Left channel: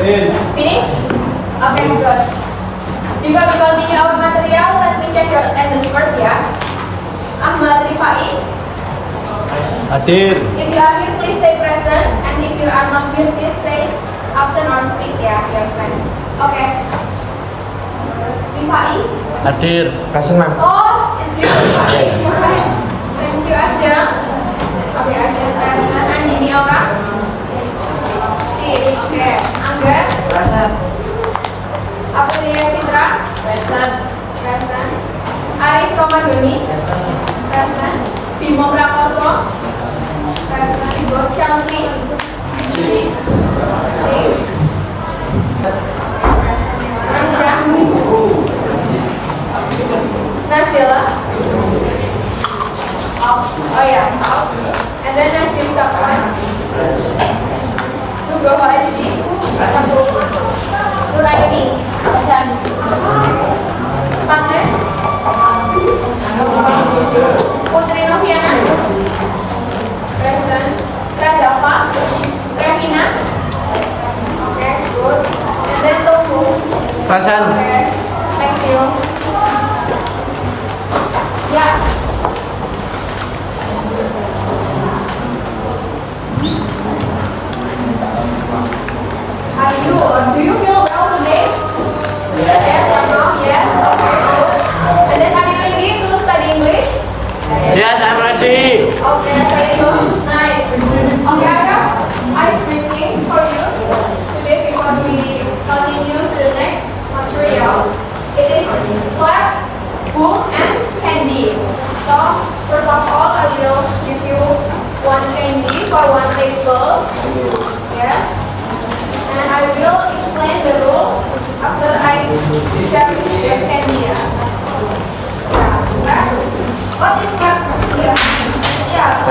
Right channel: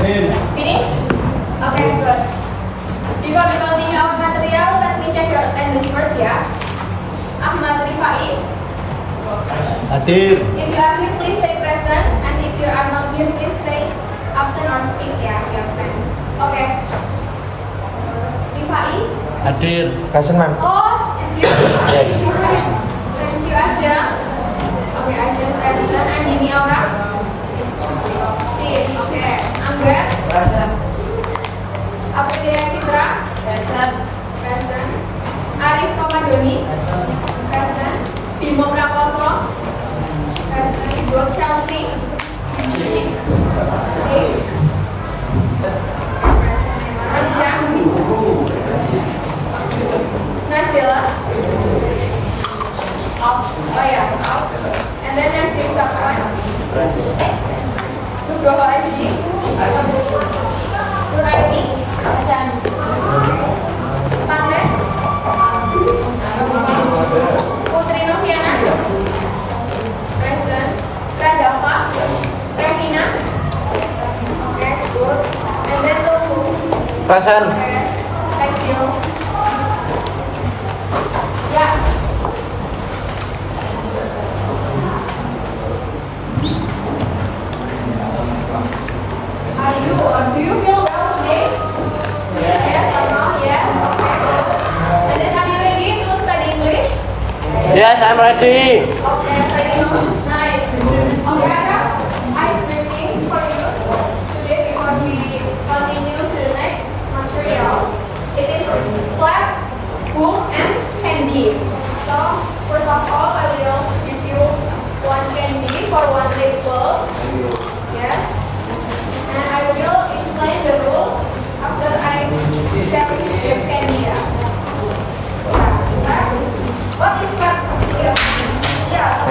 Finish? Okay, good. Before we continue our material, let me check your attendance first ya. Ahmad Rifai. Hadir. If you are here, please say present. And if you are not here, please say absent or sick ya, your friend. Okay. Rifai. Hadir. Present, ma'am. Oh, it's you, Rifai. Thank you, Ajeng. Okay, Ajeng present. Andini Aura. Sip, okay. Angga. Present. Aprilia Citra. Present. Present. Arif Romadoni. Present. Bimo Prakosro. Present. Ibu Chelsea. Sip. Aisyah. Nazila. Oh ya. And then Nasir Safwan. Nugroho Aji. Nuraini. Panten. Putri Noviana. Present. Rajafa. Revina. Okay, good. And then Tofu. Present. Okay, thank you. Yeah. Do you feel well today? Yes or no? Yes? Okay, good. And then are you ready to study English? Yes, I'm ready. Okay, very good. Nice. Okay, I have ice cream for you today before we continue to the next material. It is clap, book, and candy. So, first of all, I will give you one candy for one table. Yes. And I will explain the rule after I share the candy. Yeah. What is clap? Yeah. Yeah.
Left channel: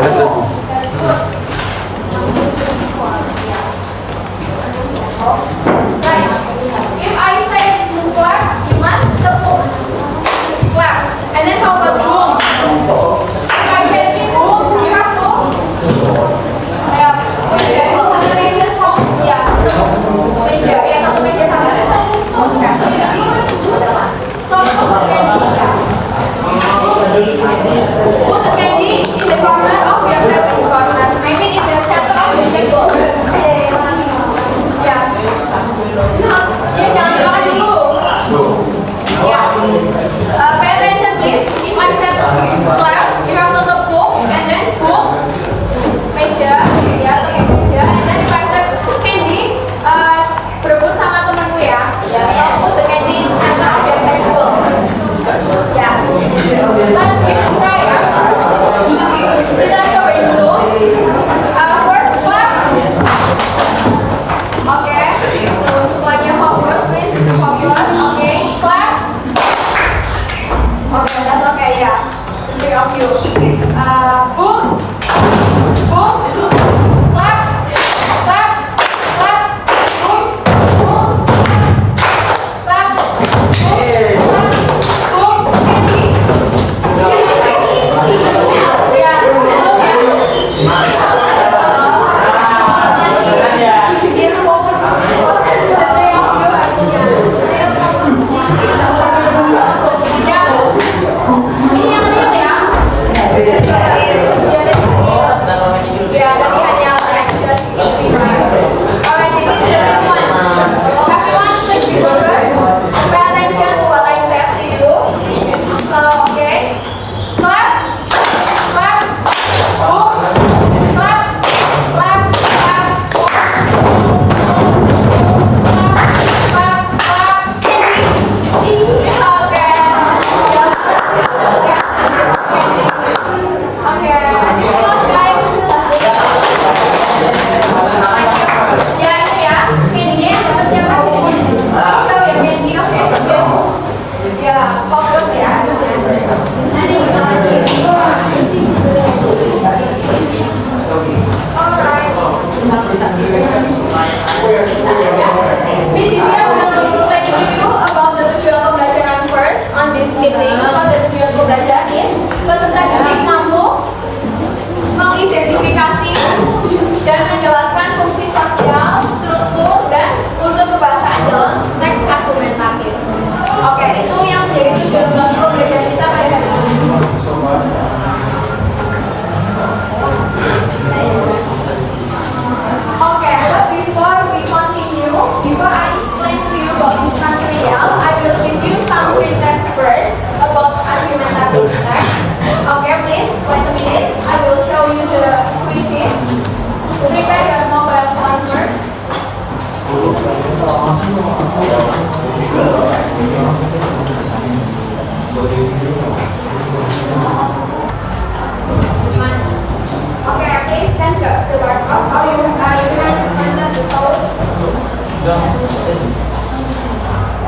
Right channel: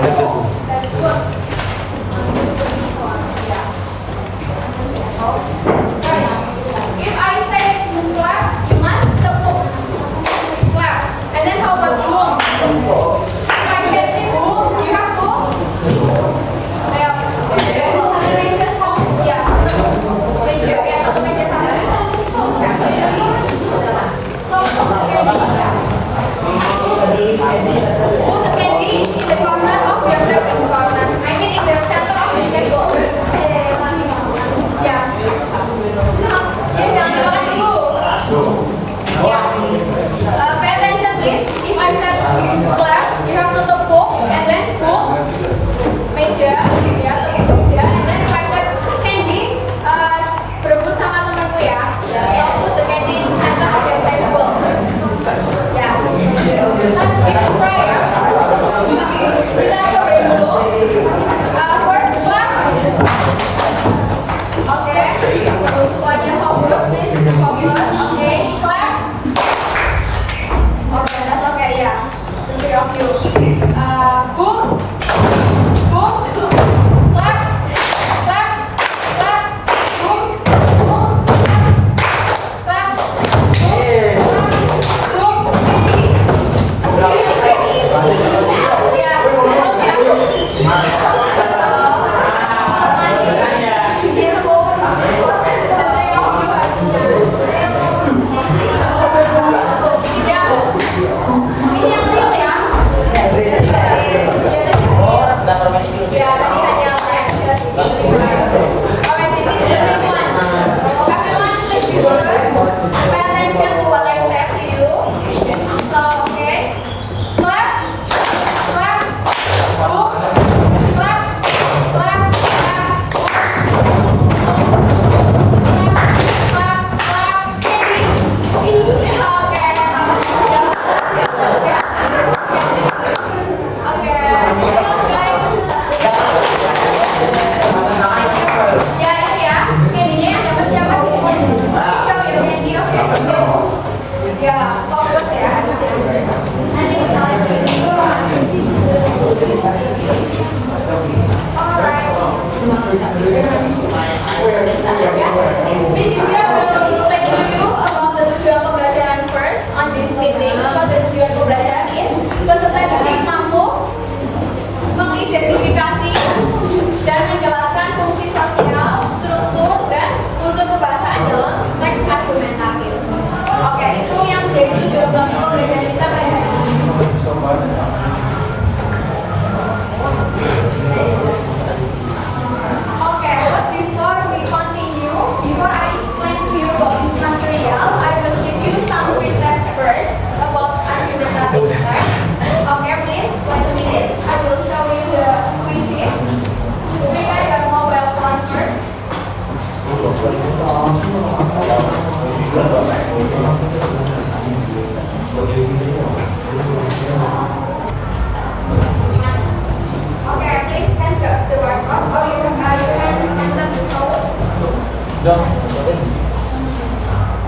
Okay, please stand up the workout. Or you can mention the code.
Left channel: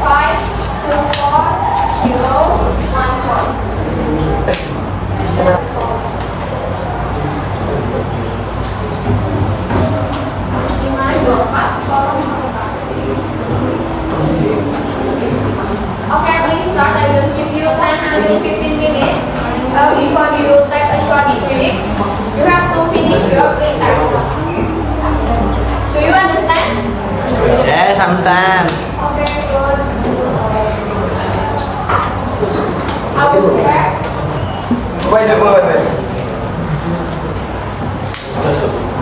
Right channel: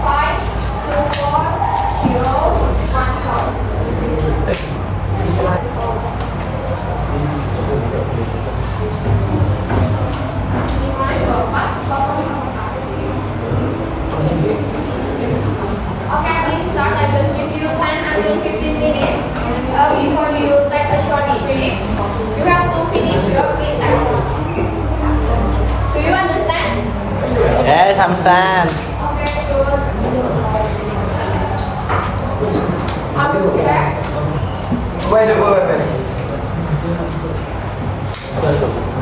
5, 2, 4, 0, 1, 4. Okay, please start. I will give you 10 until 15 minutes. Before you take a short break, you have to finish your pre-test. Do you understand? Yes, understand. Okay, good. I will prepare. Wait.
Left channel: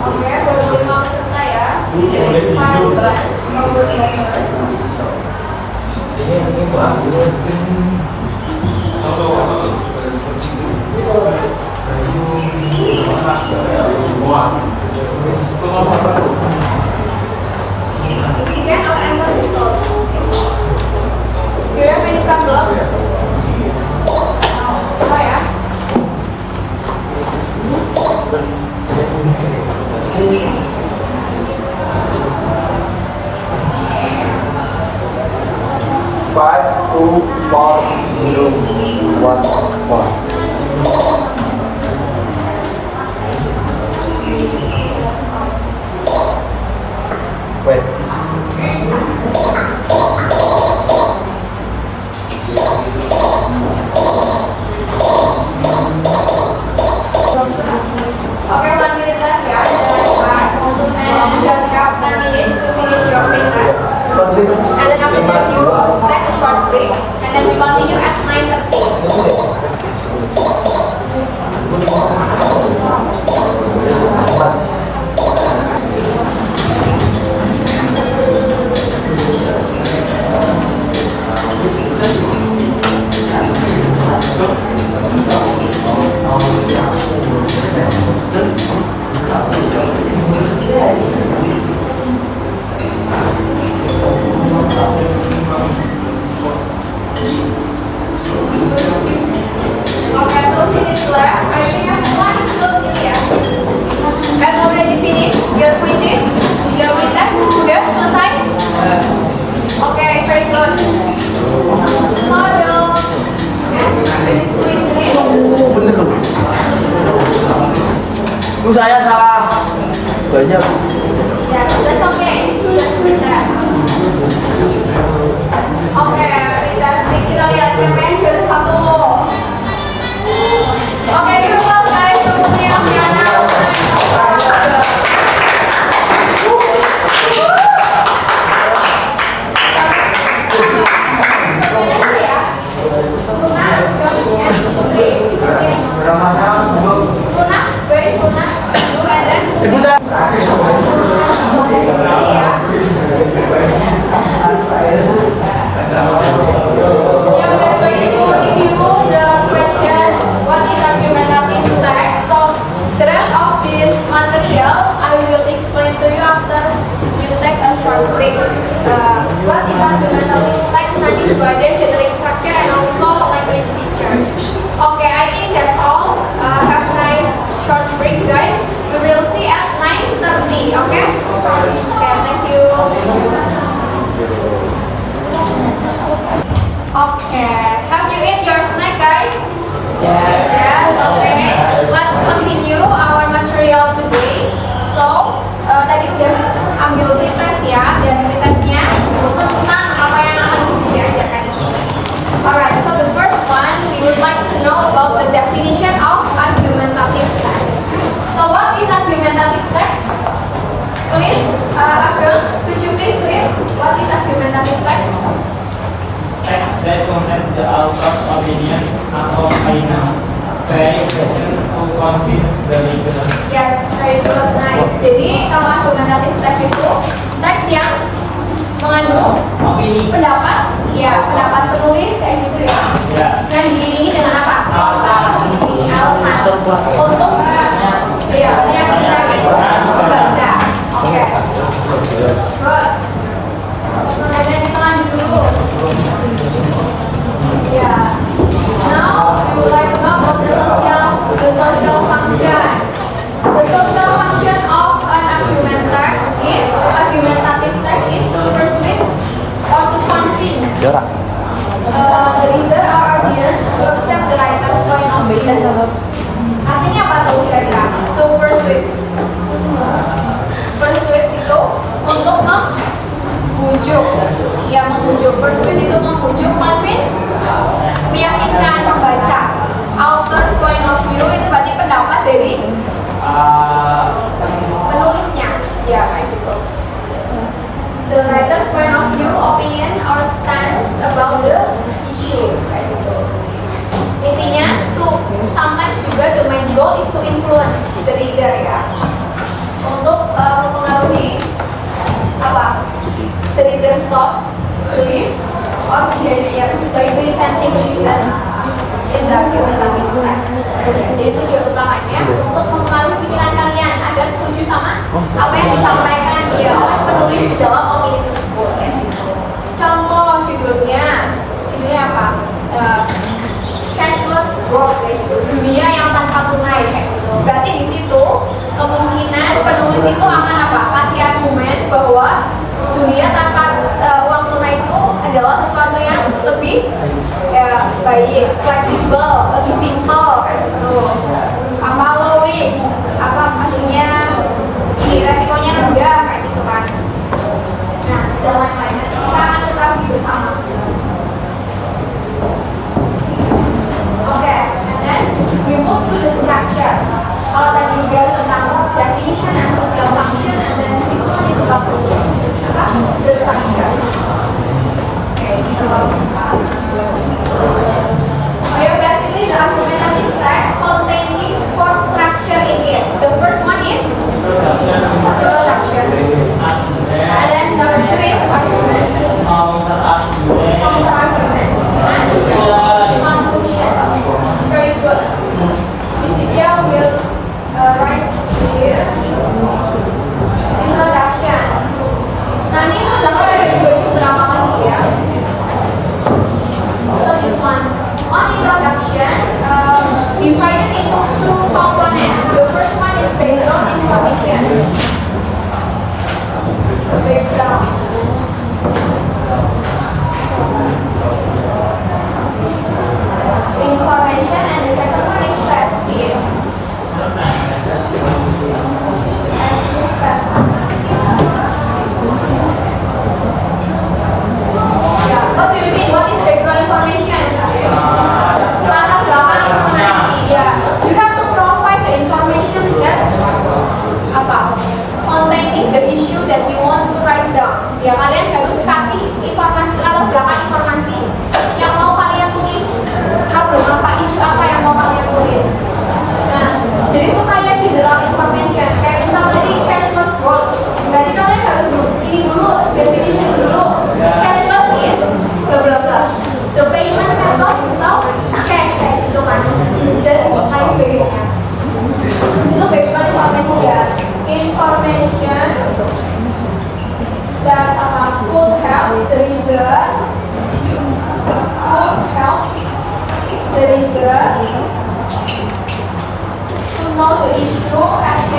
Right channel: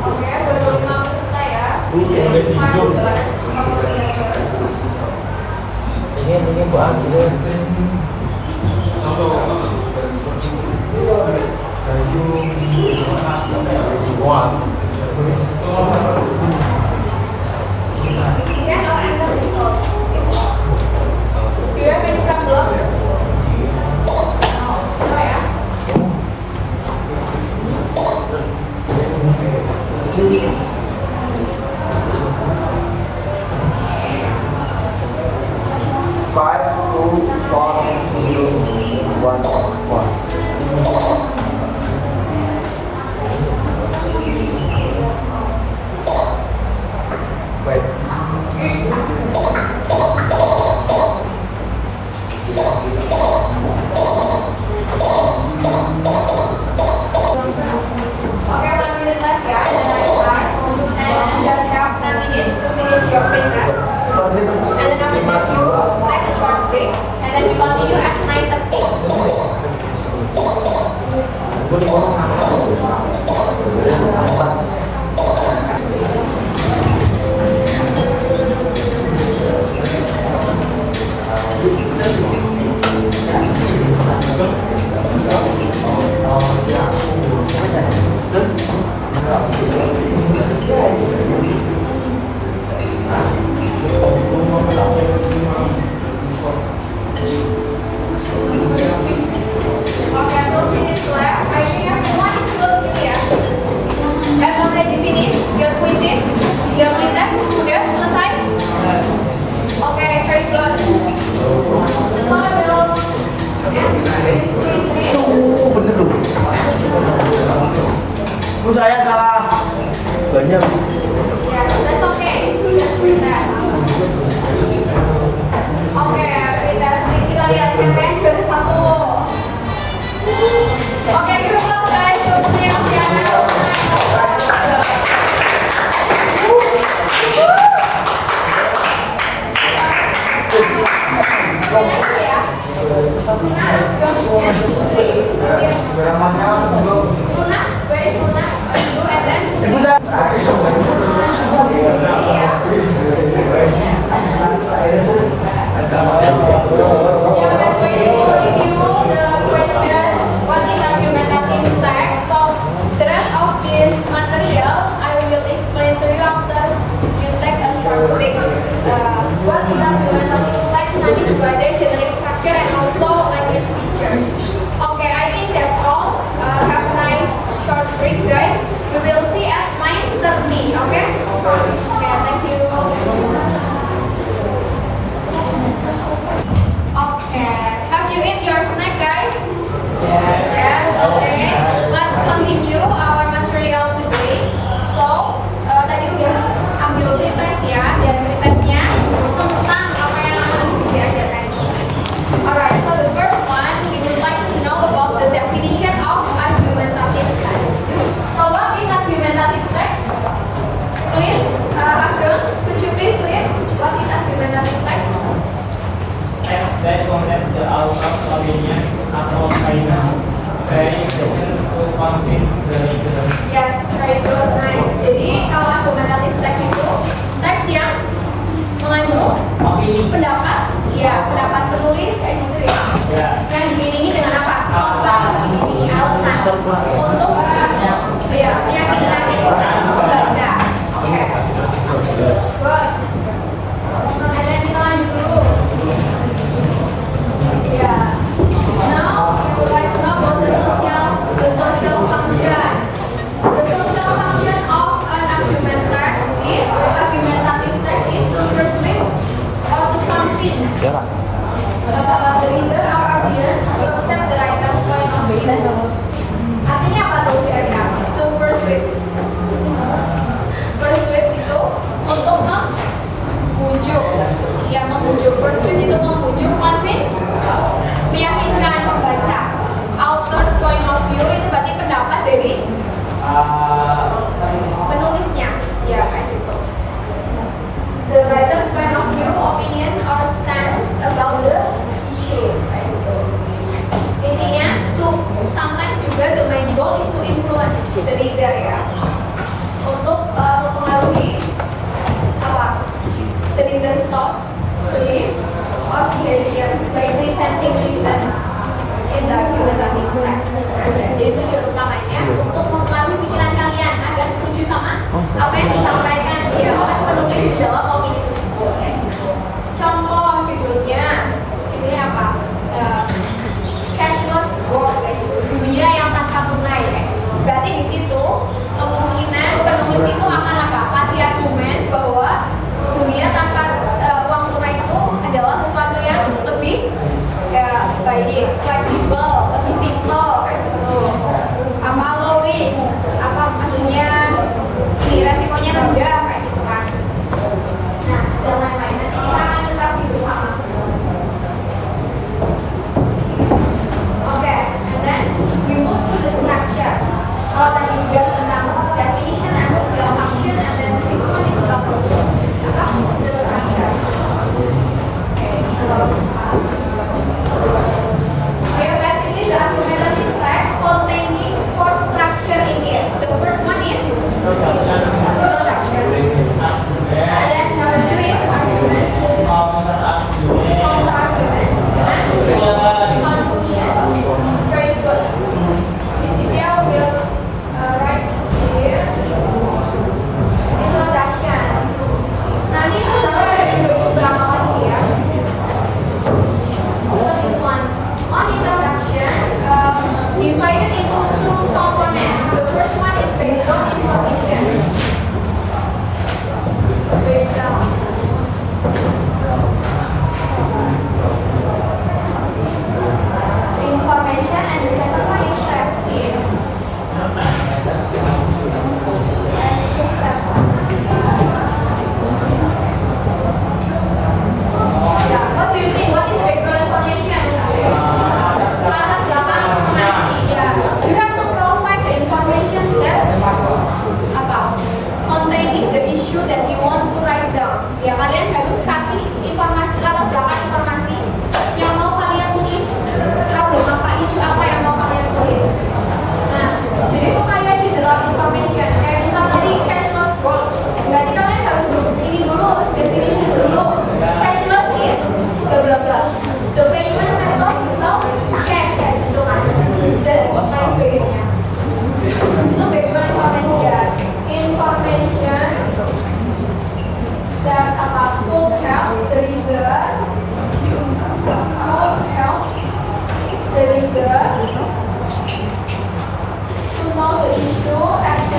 Oke, baru 5 menit lah ya. Jadi, jalan. Ini bang. Scan or enter people. Do you have any problem? Oh ya. Five, two, four, zero, one. Wait. Okay, 1 minute left ya. And just have 10 minutes to finish your pre-test. And then after that you take a short break. And then we continue at 9:30. Okay, 2 minutes left. I think everyone is good gitu ya. Guys already finish your quizzes, your pretest, udah selesai? Okay, very good. So Bener loh. Saya salah banyak. yeah, that's okay. Just pretest. Okay, pretest ini kita lihat siapa yang juara 1. Okay, give applause guys to Putri Noviana. Explain to you after you take a short break. What is argumentative text studied by the generic structure and also language features. Okay, I think that's all. Have a nice short break, guys. We will see at 9:30. Okay? Okay, thank you. Okay, have you eat your snack, guys? Yes. Okay. Let's continue our material today. So, tadi udah ambil pretest ya, dan pretestnya tentang apa yang akan diajarkan di sini. Alright, so the first one, we would like to know about the definition of argumentative text. So, what is argumentative text? Please, Ageng, could you please read what is argumentative text? Text that contains the author's opinion atau argument, very sufficient to convince the reader. Yes, very good, nice. Jadi kalau argumentatif teks itu teks yang mengandung Opini. pendapat, ya pendapat penulis kayak gitu ya. Ya. Dan diiringi dengan apa? Alasan, diiringi alasan untuk ya meyakinkan pembaca. Oke. Good. Ya, The reader or audience to accept the writer's point of view. Artinya apa tuh kira-kira? To persuade. Persuade itu untuk membujuk. Ya, membujuk. Persuade itu membujuk, convince, meyakinkan pembaca. Author's point of view itu berarti pendapat dari penulisnya. Ya, kayak gitu. The writer's point of view, opinion or stance about the issue, kayak gitu. Intinya, sometimes juga the main goal is to influence the reader ya, untuk mempengaruhi apa? The reader's thought, belief, or behavior by presenting reason in the argumentative text. Jadi tujuan utamanya untuk mempengaruhi pikiran kalian agar setuju sama apa yang disampaikan ya oleh penulis di dalam opini tersebut. Ya. Contoh judulnya apa? Cashless world, kayak gitu. Dunia yang tanpa tunai kayak gitu. Berarti di situ kemungkinan penulis itu akan apa? Kasih argumen bahwa dunia tanpa uang tunai itu adalah sesuatu yang lebih baik, fleksibel, lebih simple kayak gitu. Apa low risk? Apa maksudnya ini resikonya rendah kayak gitu kan? Nah, dan lain-lain. Nanti kita akan ketahui bersama. Okay, and then we move to the structure. Kalau tadi dia tentang definition and social function, and then this one is about the structure. Okay, we have basically the argumentative text containing four structure in it. The first one is introduction, and then number two is argument, counter argument, and conclusion. Very good. Miss Divya will write here introduction. Nah, ini introduction ada beberapa lagi ya. So this one on introduction divided into two components. The first one is background information. Background. Information, and the second one is thesis. Yeah. What do you mean? What is background information? Latar belakang informasi. Yeah. You have to provide the information that containing the issue that you want to write down. Ya, kalian harus kasih informasi, latar belakang informasi yang mau kalian tulis. Problem apa, isu apa yang mau kalian tulis. Nah, jadi itu kayak general information. Kayak misal tadi cashless world. Berarti kalian harus ini dulu, definition dulu. Cashless is bla bla bla. The payment method without cash, gitu kan. Dan lain sebagainya. Itu background information. Information that could help the reader, to know the issue and to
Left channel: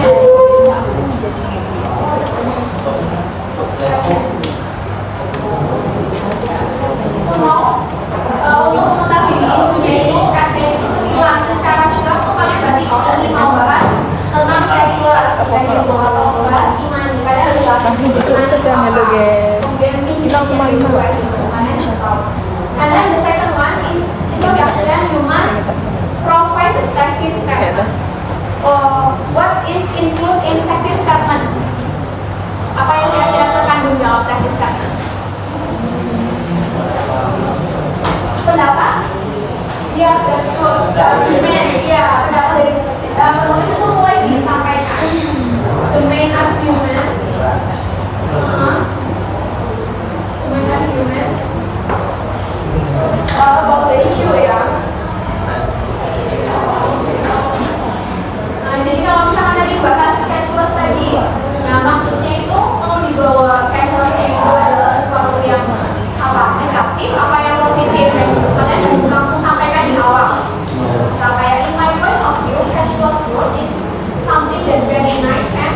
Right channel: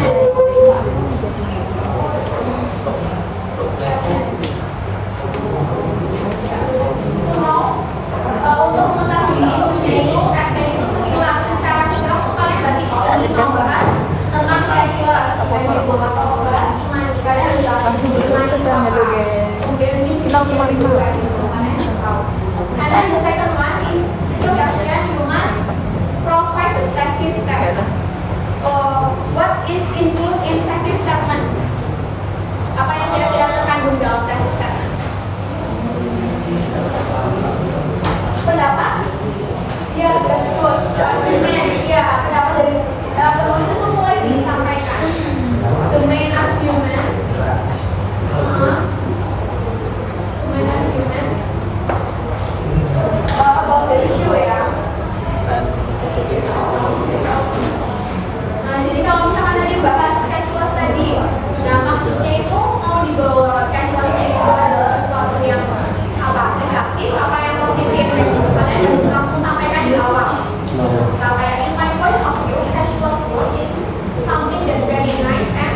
know untuk mengetahui isunya itu itu sekilas secara jelas tuh kalian berarti ini mau bahas tentang cashless kayak gitu atau bahas imani, kalian harus bahas imani itu apa, kemudian mungkin jelas yang kedua gitu kalian harus tahu. And then the second one in introduction you must provide the thesis statement. What is included in thesis statement? Apa yang kira-kira terkandung dalam thesis statement? Pendapat? Ya, that's good. Argument, ya, pendapat dari penulis itu mulai disampaikan. The main argument. Main argument about the issue ya. Nah, jadi kalau misalkan tadi bahas cashless tadi, nah maksudnya itu mau dibawa cashlessnya itu adalah sesuatu yang negatif, apa yang positif, kalian harus langsung sampaikan di awal. Sampai in my point of view, cashless world is something that's very nice and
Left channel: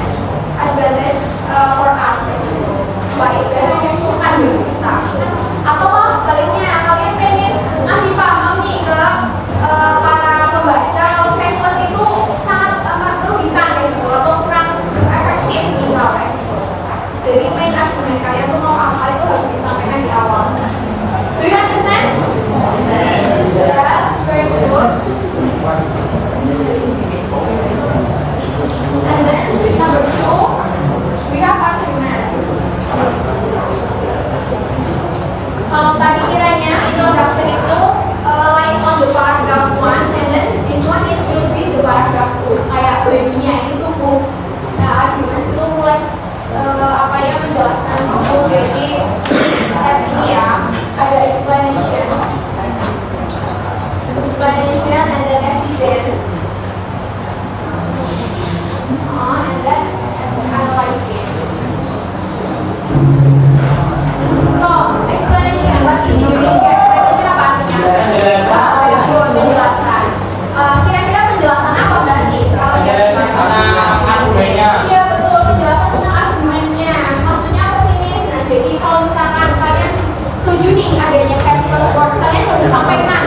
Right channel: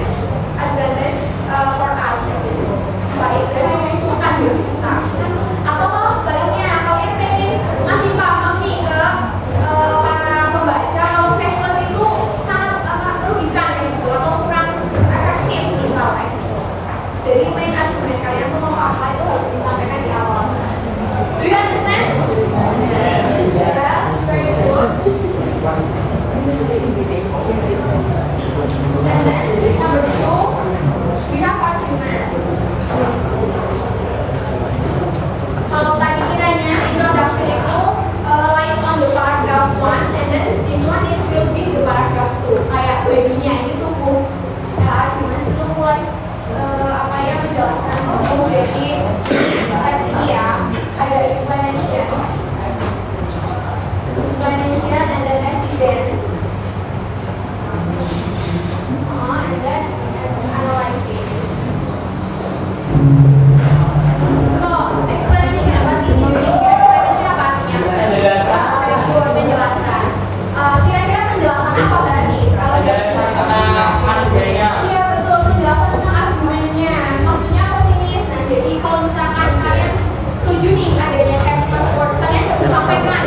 misalkan kalian setuju nih adanya cashless world, kalian harus sampaikan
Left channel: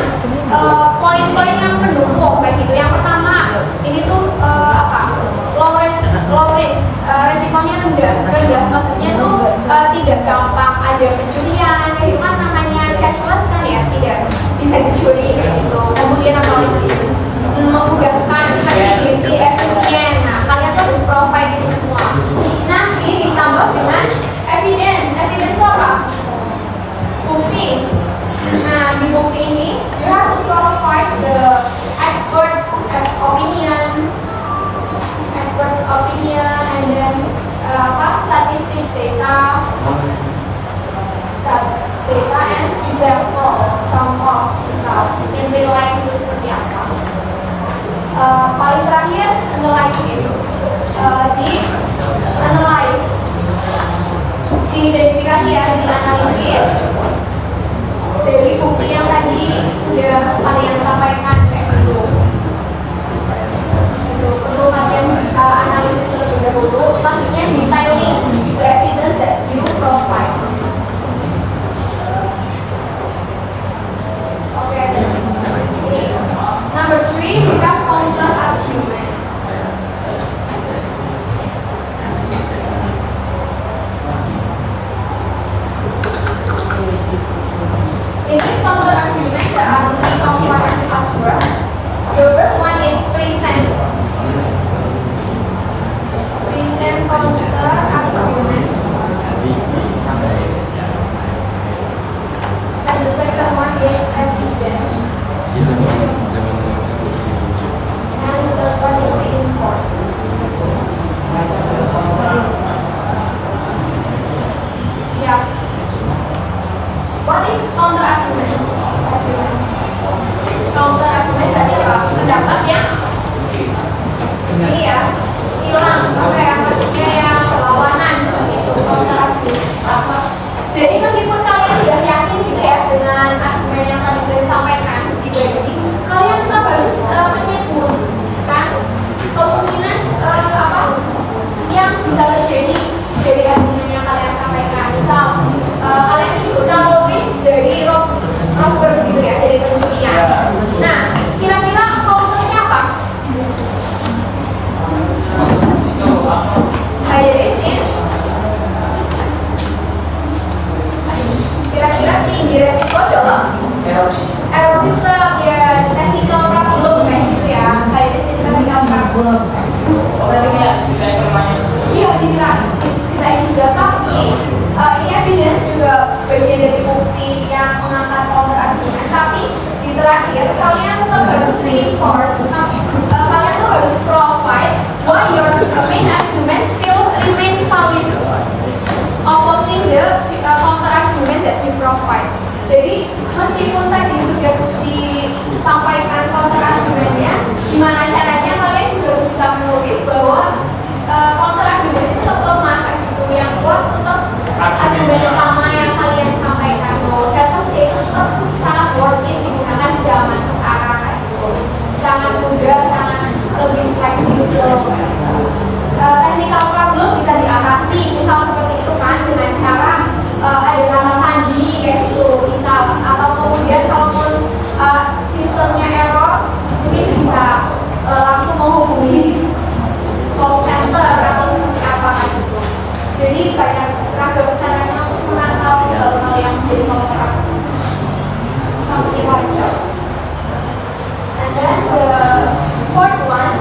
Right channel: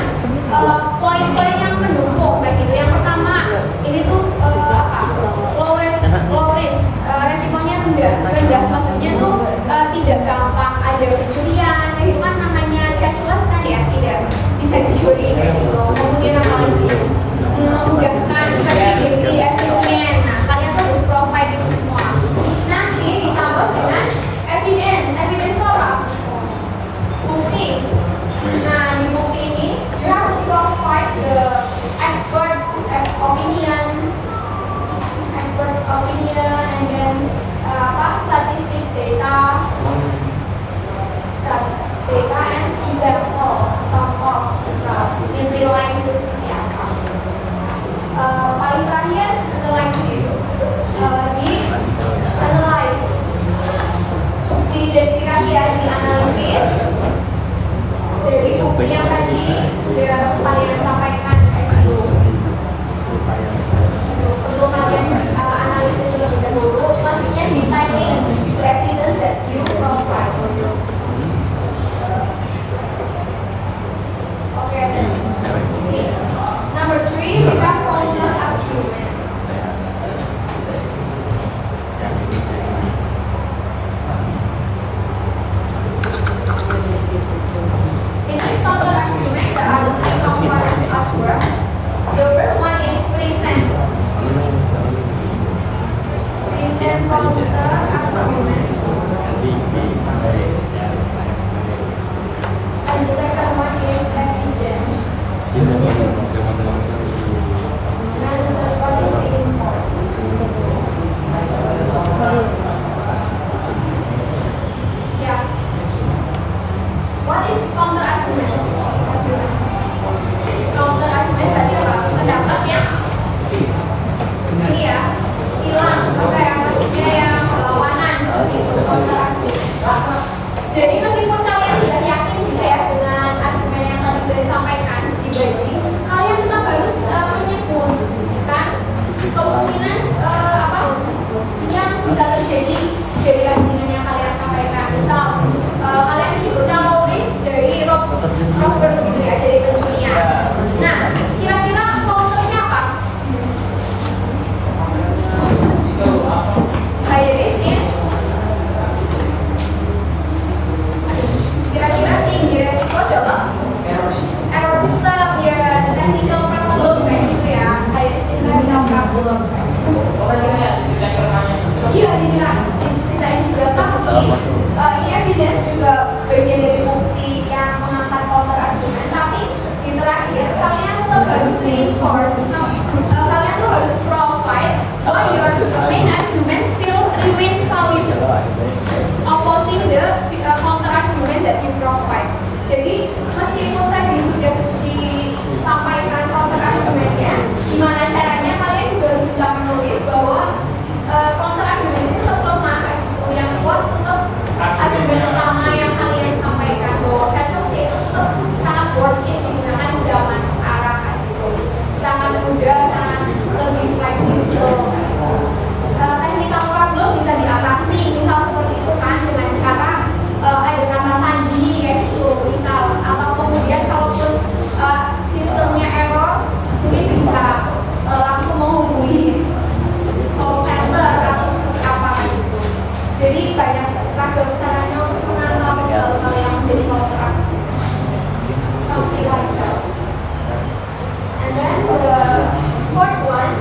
poin-poin yang mendukung kayak gitu. Yang pertama, ini tuh low risk, resikonya rendah. Maksudnya tuh tidak gampang ada pencurian, kayak gitu kan namanya cashless kan ya, tidak bisa dicuri kayak gitu. Kemudian apa lagi? Memudahkan, flexibility, efisien. Nah, kalian tuh harus provide itu semua. Nanti ditambah dengan evidence. Evidence itu apa? Bukti. Nah, di bukti ini, you have to provide the expert opinion, and then statistic data and example, contoh misal in real life itu seperti apa. Paling terakhir analysis, diidentifikasi ya, dianalisis dari bukti yang tadi sudah kalian sampaikan kayak gitu. Sebelum kalian analisis terlebih dahulu, selanjutnya detailing the evidence that you provide. Okay, ini number 3, we have counter argument. In this counter argument, there are three components as well. The first one is present counter argument, and the second one is evidence, and the third one is reinforced. Yeah. What is counter argument? Counter argument tadi apa? Pendapat yang ini ya, silang, maksudnya yang lawanan seperti itu, counter argument. Jadi meskipun kalian sudah yakin gitu ya dengan argumen yang tadi saya sampaikan di body, kalian tetap harus menyebut kan kemungkinan yang bisa terjadi dari argumen yang kalian sampaikan. Misal kalian menyebutkan low risk dari robber gitu ya, dari pencurian. Nah, kira-kira counternya apa? High risk in, kira-kira tinggi resiko dalam error system ya, technical problem kayak gitu ya. High risk in technical problem. Iya, diceritain juga, tapi ini evidence juga bagian dari bukti yang mengangkat counter argument. Tapi di terakhir kalian tetap harus reinforce, kalian tuh harus provide why your main argument still remains valid, opposing the counter argument that you provide. Jadi meskipun tadi sudah disampaikan counter argumentnya, gimana caranya kalian juga harus bisa menulis bahwa counter argument itu tetap lemah gitu, yang kuat tetap argumen utama yang kalian sampaikan bahwa cashless itu tetap sangat worth it digunakan zaman sekarang kayak gitu, sangat mudah, sangat lebih fleksibel. Technical problem bisa diatasi, misal seperti itu kan, dengan cara ada kata sandi kayak gitu misal, atau kemudian kalaupun sistemnya error mungkin bisa langsung menghubungi call center atau seperti apa kan gitu. Jadi banyak ragam caranya untuk menangkap hal-hal yang menjadi counter seperti itu. And then the fourth one,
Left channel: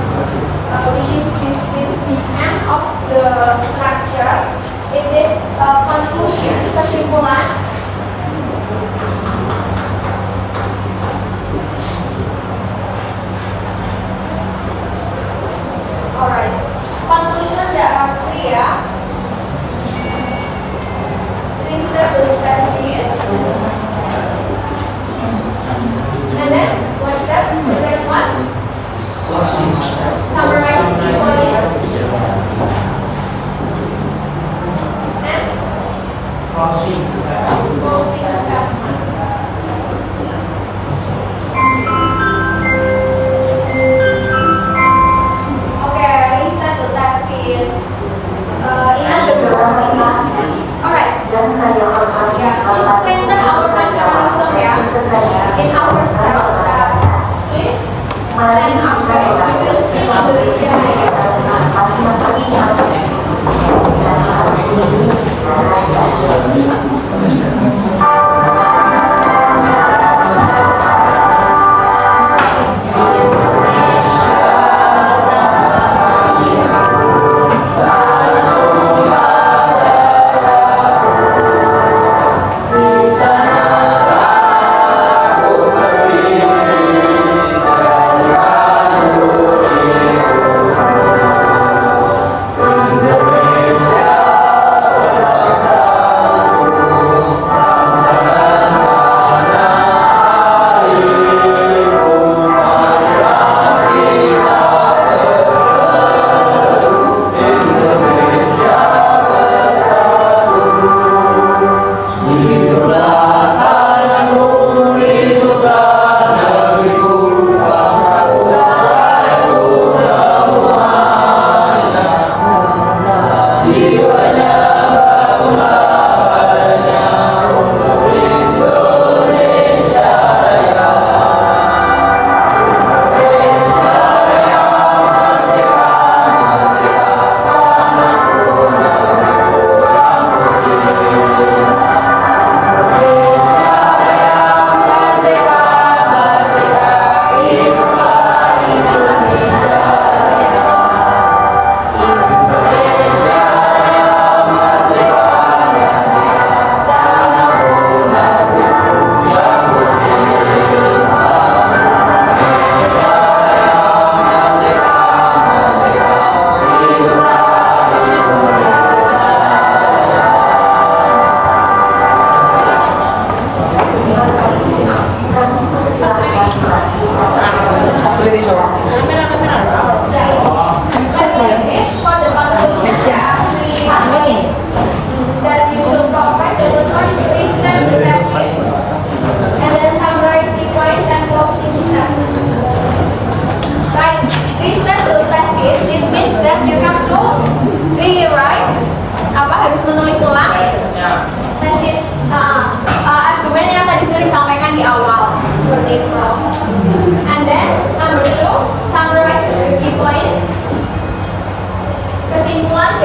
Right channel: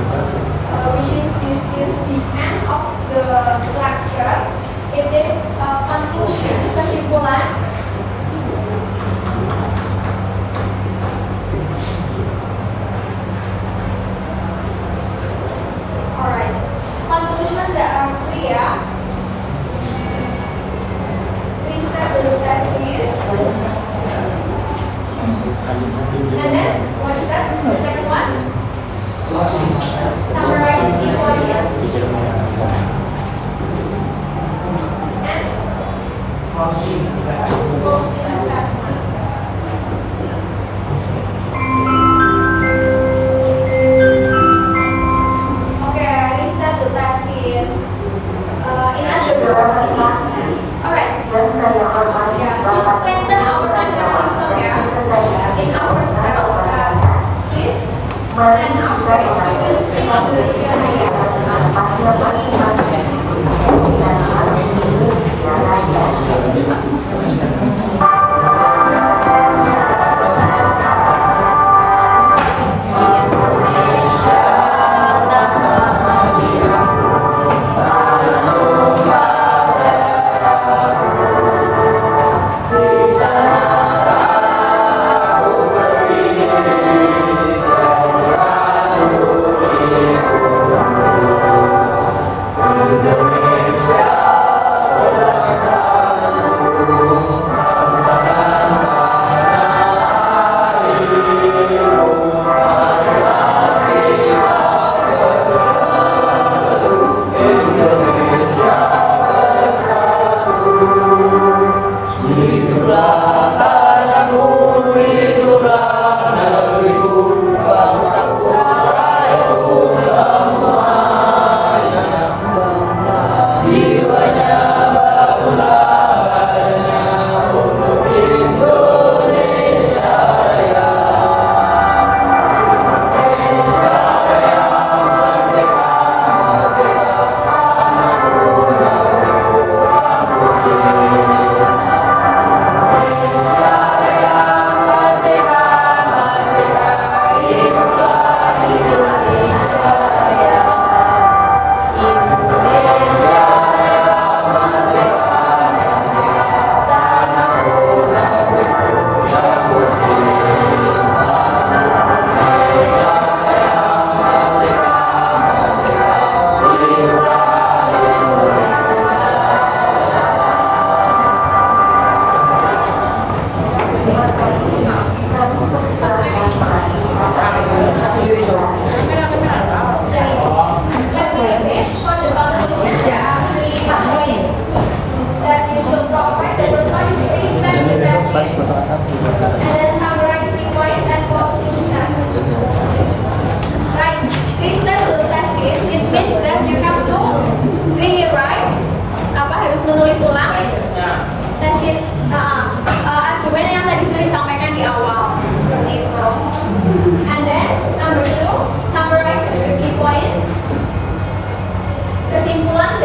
which is this is the end of the structure. It is conclusion, kesimpulan. Alright, conclusion that are clear. Please step the thesis. And then what's that? The second one? Summarize the points. And closing statement. Okay, reset the thesis. In other words, alright.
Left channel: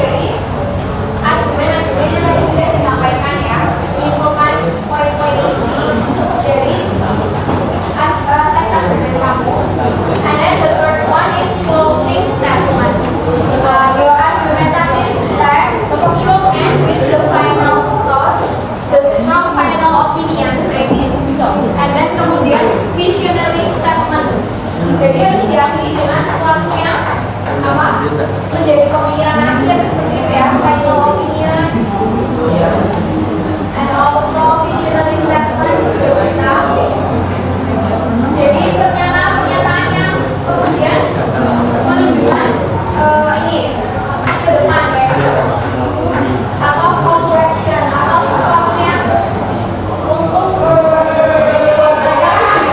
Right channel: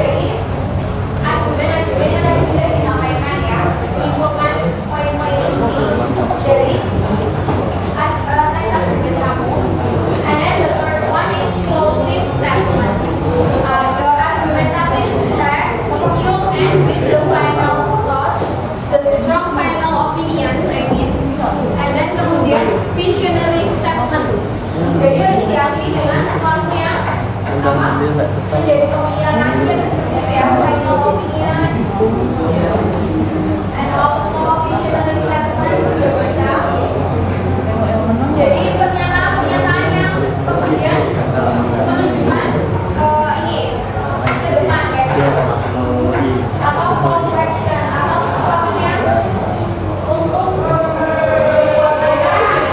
Jadi argumen-argumen yang tadi sudah disampaikan ya, simpulkan poin-poin ini. Jadi teks argumen kamu. And then the third one is closing statement. Your argumentative text should end with the final thought, the strong final opinion, I mean. And then kemudian visionary statement. Jadi harus diakhiri dengan sesuatu yang apa? Menjadi pemikiran akhir seperti itu ya, final opinion. And also visionary statement juga bisa. Jadi pernyataan yang kemudian menunjukkan ini ke depan kayak gitu. Atau call to action atau sesuatu yang untuk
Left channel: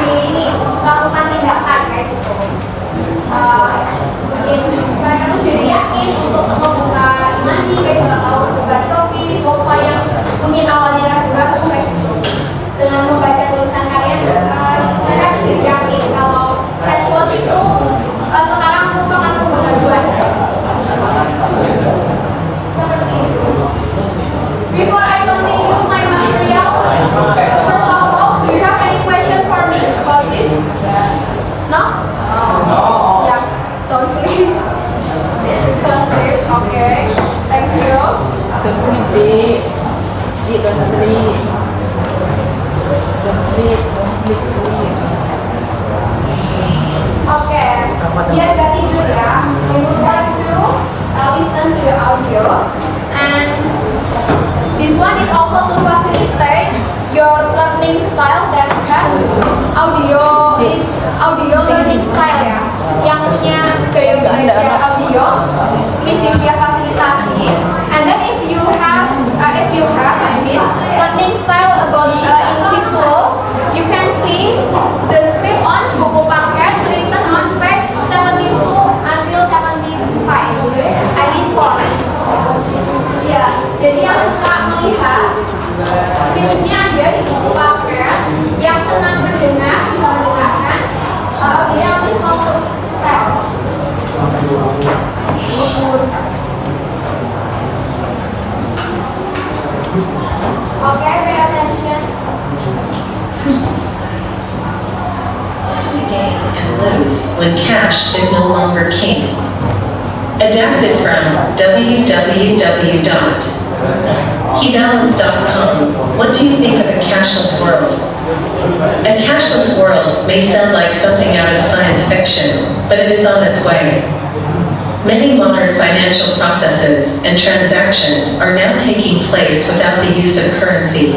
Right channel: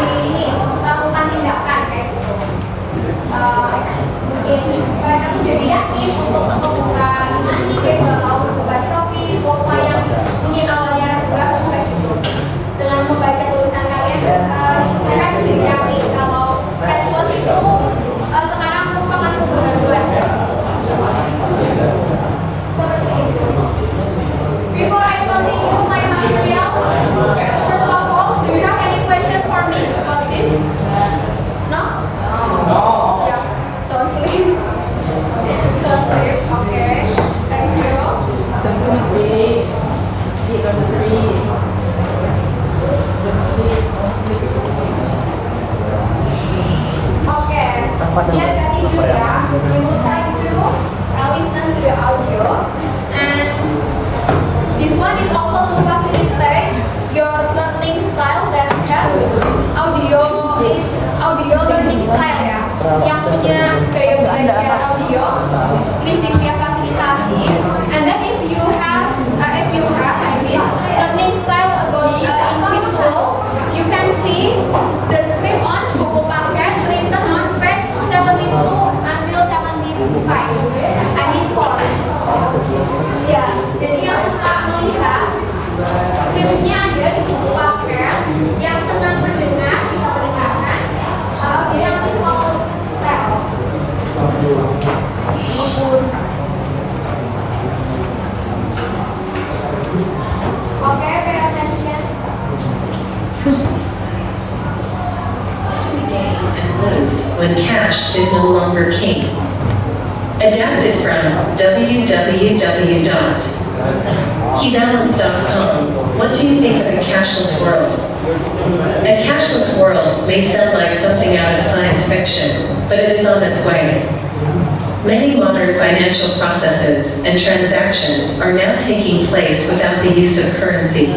ini melakukan tindakan kayak gitu. Karena itu jadi yakin untuk membuka ini kayak nggak tahu buka Shopee, Shopee yang mungkin awalnya ragu-ragu kayak gitu. Dengan membaca tulisan kalian, mereka tuh jadi yakin kalau cashless itu sekarang merupakan pengetahuan. Seperti itu. Before I continue my material, first of all, do you have any question for me about this? No? No. Yeah. Don't sleep. Don't sleep. Okay. Thank you. Don't sleep, Dek. Dek, don't sleep. Don't sleep, don't sleep, sleep. Okay. Biar gak tidur ya, we would like to listen to the audio, and this one is also to facilitate your learning style that has audio learning style ya, yang punya gaya belajar audio, prinsip via fasilitasi, and then if you have learning style about in visual, you can see the script on buku paket written on page 72 until 75. I mean 4. Ya, jadi yang suka melihat scriptnya ada di buku paket, yang senang mendengar bisa mendengarkan audio yang visual style. Okay, pay attention. And lose when cash is no longer king. Adapted from www.hebalance.com. What do you think of a cashless world? A cashless world may sound like something out of science fiction, but it is on its way. Many modern financial processes and transactions are now taking place without the use of currency.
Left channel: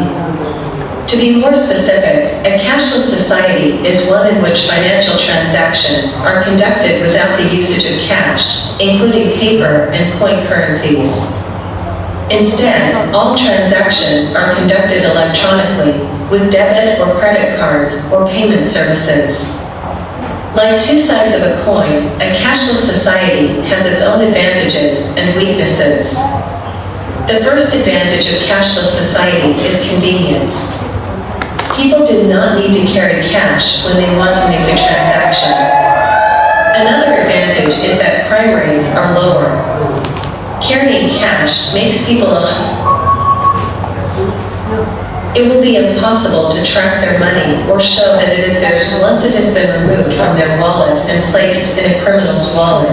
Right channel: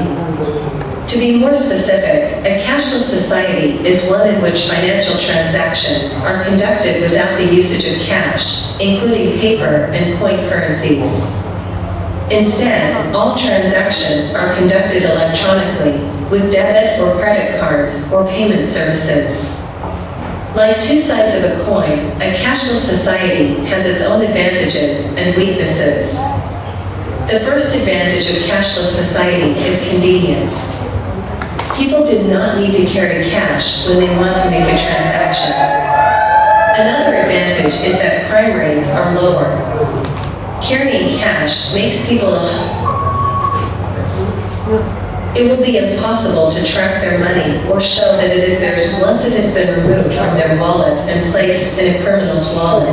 To be more specific, a cashless society is one in which financial transactions are conducted without the usage of cash, including paper and coin currencies. Instead, all transactions are conducted electronically with debit or credit cards or payment services. Like two sides of a coin, a cashless society has its own advantages and weaknesses. The first advantage of cashless society is convenience. People do not need to carry cash when they want to make a transaction. Another advantage is that crime rates are lower. Carrying cash makes people it will be impossible to track their money or show that it is theirs once it has been removed from their wallet and placed in a criminal's wallet.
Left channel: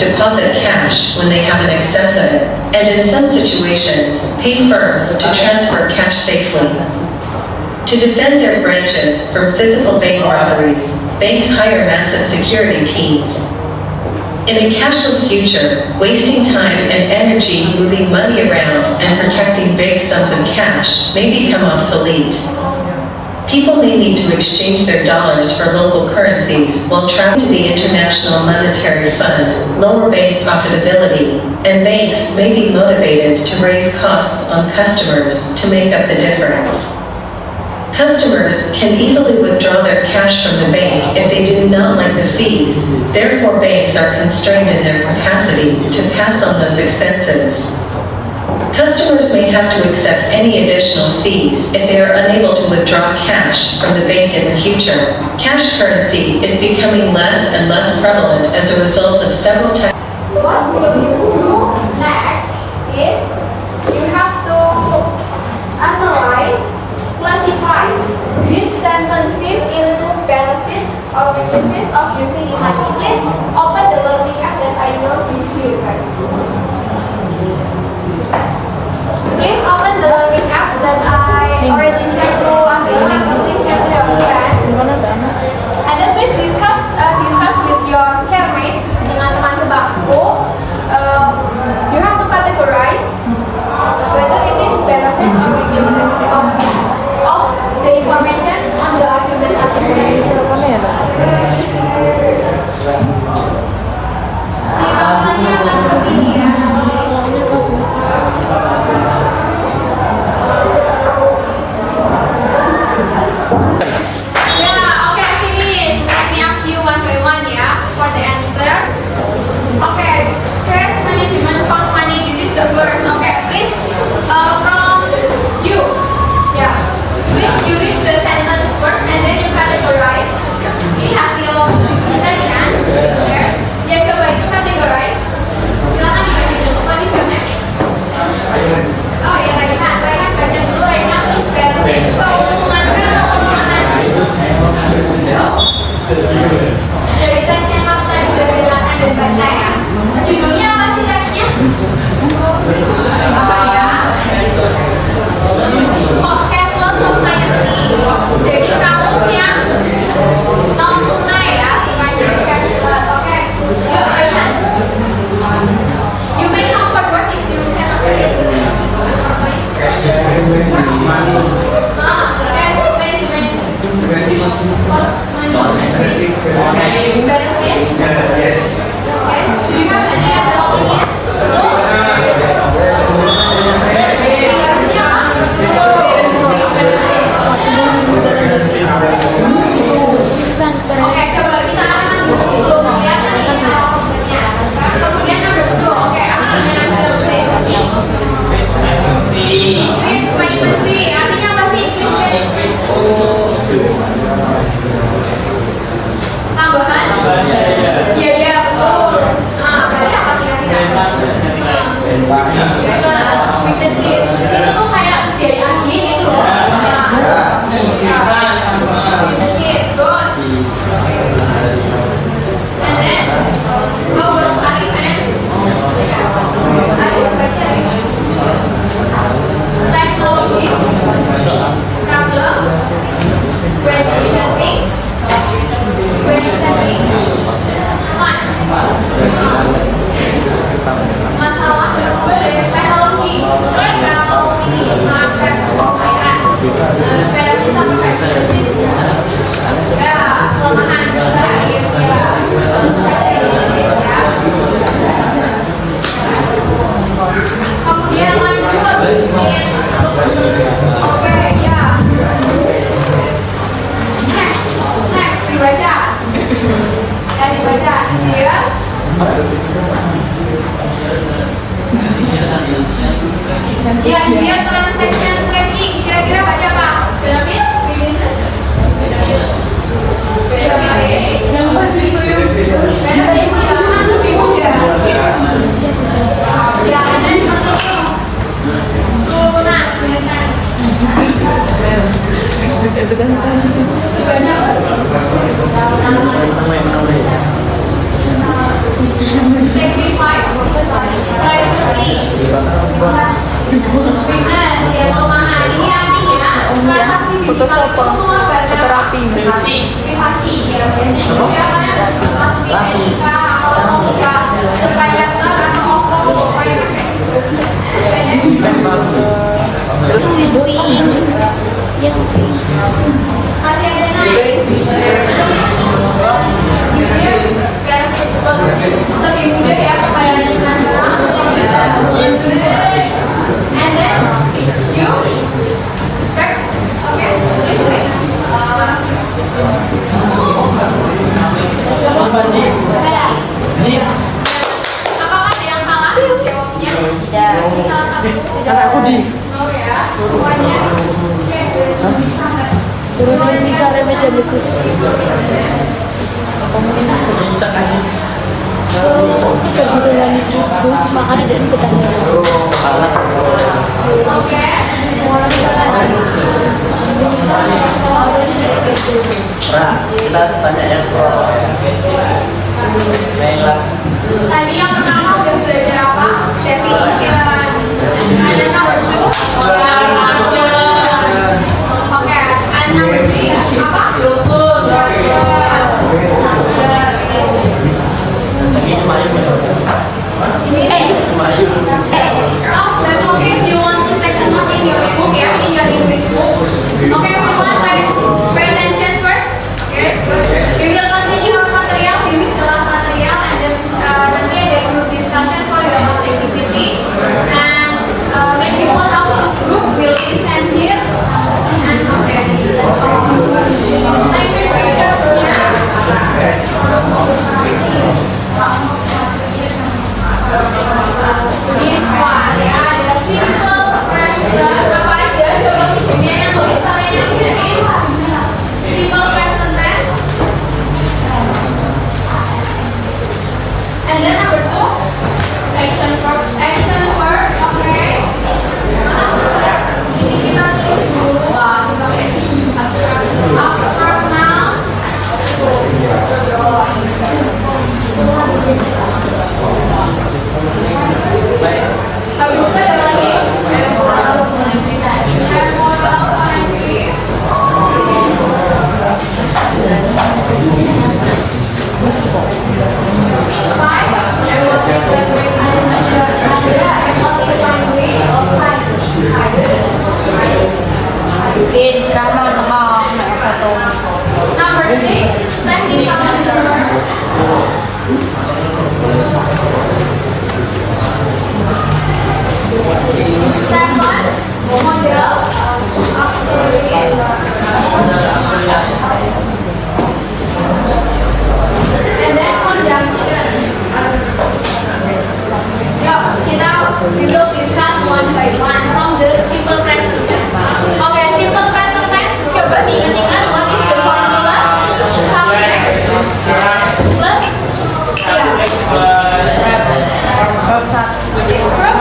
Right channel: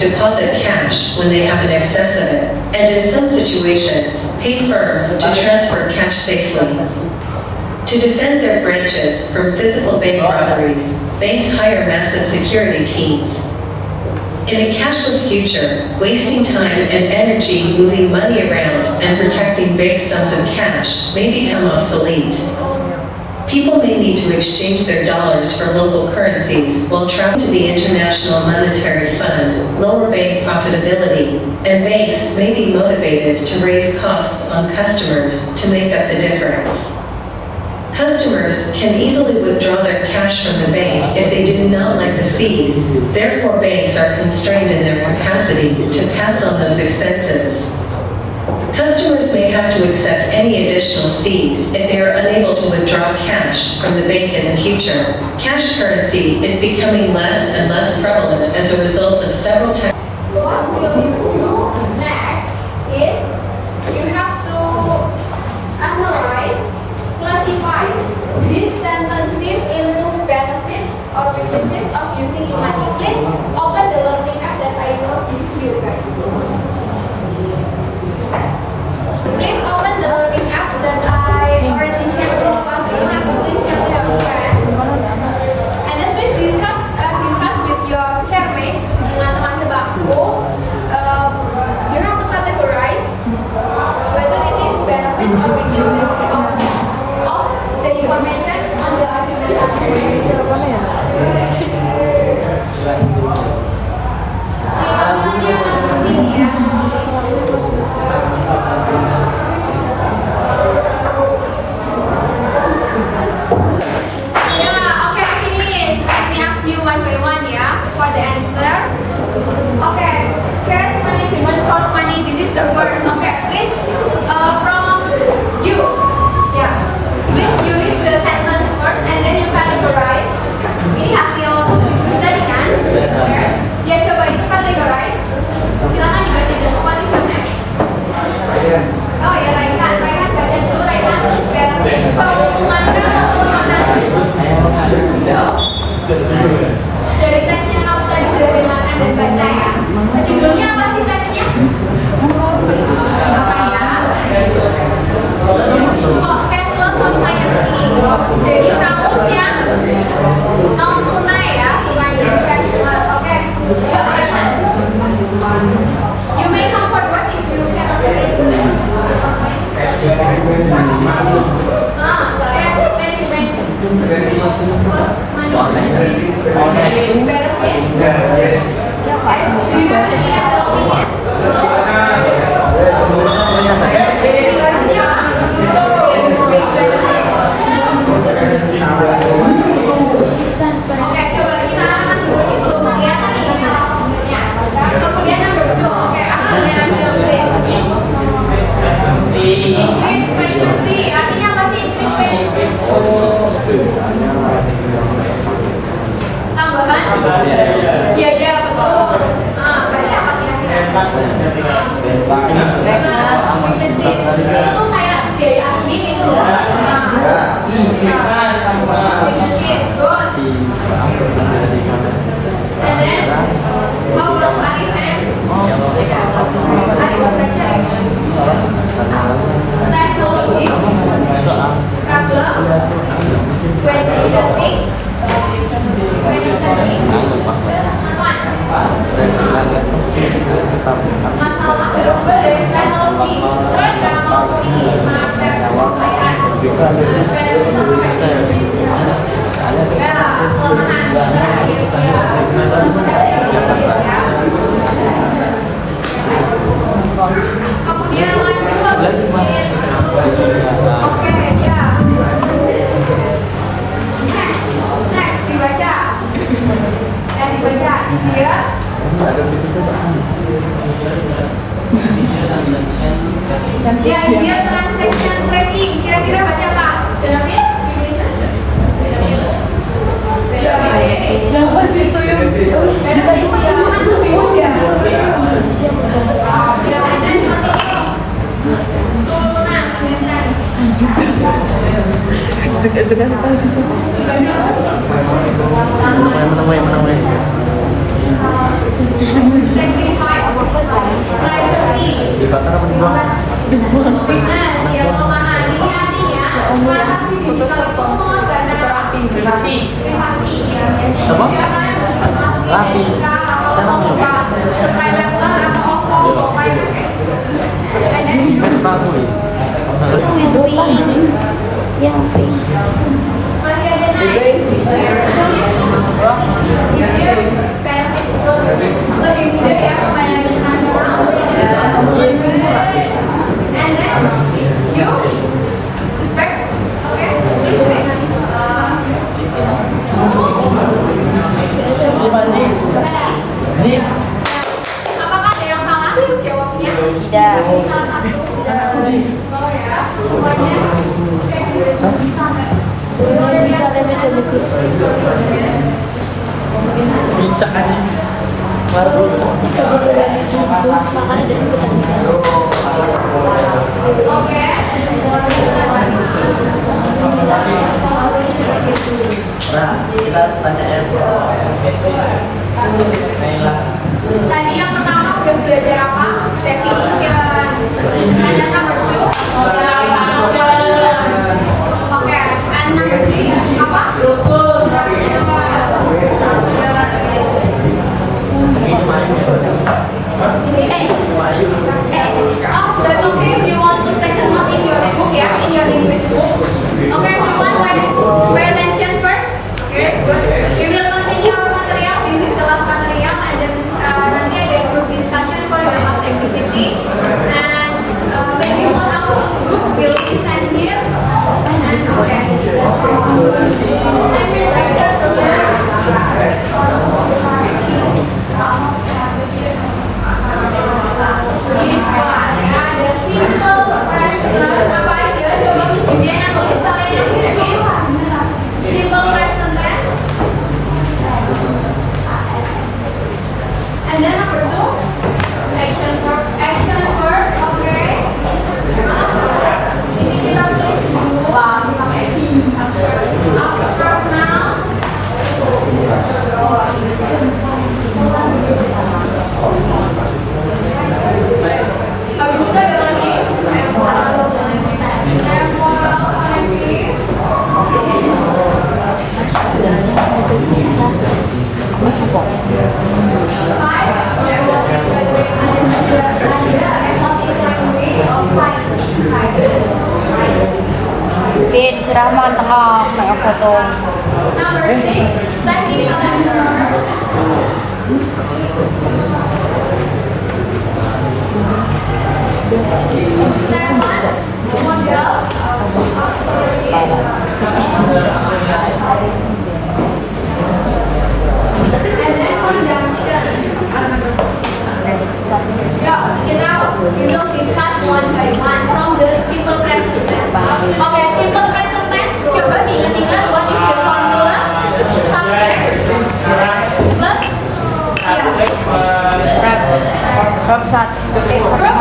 Deposit cash when they have an excess of it, and in some situations, pay firms to transfer cash safely. To defend their branches from physical bank robberies, banks hire massive security teams. In a cashless future, wasting time and energy moving money around and protecting big sums of cash may become obsolete. People may need to exchange their dollars for local currencies while traveling to the International Monetary Fund, lower bank profitability, and banks may be motivated to raise costs on customers to make up the difference. Customers can easily withdraw their cash from the bank if they do not like the fees. Therefore, banks are constrained in their capacity to pass on those expenses. Customers may have to accept any additional fees if they are unable to withdraw cash from the bank in the future. Cash currency is becoming less and less prevalent as a result of several What will you do of the information on the argument. Yeah, okay, finish. Let me ask you one by one, yeah, for the answer. Okay, cash management cost money. This is the first. Okay, please, from you, yeah, please you read the sentence first and then you categorize. Ini hasil tadi kan? Benar? Ya coba itu categorize. Silakan dibaca dulu. What is your name? Oh ya Raihan, Raihan baca dulu Raihan terus benefit. Keuntungan atau kelemahan? Dari teks yang kamu tadi sudah dengarkan dan baca ya. Judulnya apa sih teksnya? Apa ya? Oh, cashless society. Jadi kamu yang non tunai ya, sukanya cashless. Oke, yuk Raihan. You may come forward if you cannot see. Cash management. Money. Benefit. Yes. Okay. Do you have any other opinion? Oke, coba kita akan dulu kelihatan nih jawabannya. Kemudian number 2, oke, aku punya answer please. Increase payment fee, artinya apa sih increase payment fee? Tambahan? Iya, iya, betul. Nah, berarti apa kira-kira? Itu tuh kayak biaya admin itu loh. Teknologi, problem, globalisasi, masalah teknologi ketika mau ini mengakses kekayaan kayak kita pakai bisnis ya kelemahan terakhir ya kemudian lanjut oke ya next dibaca easier ya easier transaction tracking kira-kira baca apa? Benefit? Business? Benefit ya, lebih mudah ya, and then continue nah, sacrifice privacy weakness yang kelemahan ini artinya mengatakan digital itu mengorbankan privasi ya biasanya itu ya kalian harus masukin NIK kalau mau buka supaya atau OVO pokoknya masih ada lebih mudah ya pelayanan and then you back okay please wait apakah ada yang salah jawabnya tidak salah satu Anakku di. oh ya semuanya sampai bisa remedi bagus Kita tanya yang tadi yang pertama udah belajar apa? Definition. And then number 2 oke, and number 3 apa? Language requestnya. This one ya, ada simple present apa aja? Coba di sini yang tulis kalian di sini. Simple present tense. And then number 2, action verb. Action verb, oke. Ini kita tulis dulu. Wah, ini pakai V. Abstract noun. Habis itu ada lagi Number 6, standing calendar. Step 1, model auxiliary. And then conjunction. We will discuss one by one from the simple present tense. Okay, simple present tense. Coba diingat-ingat what is the formula? Subject plus verb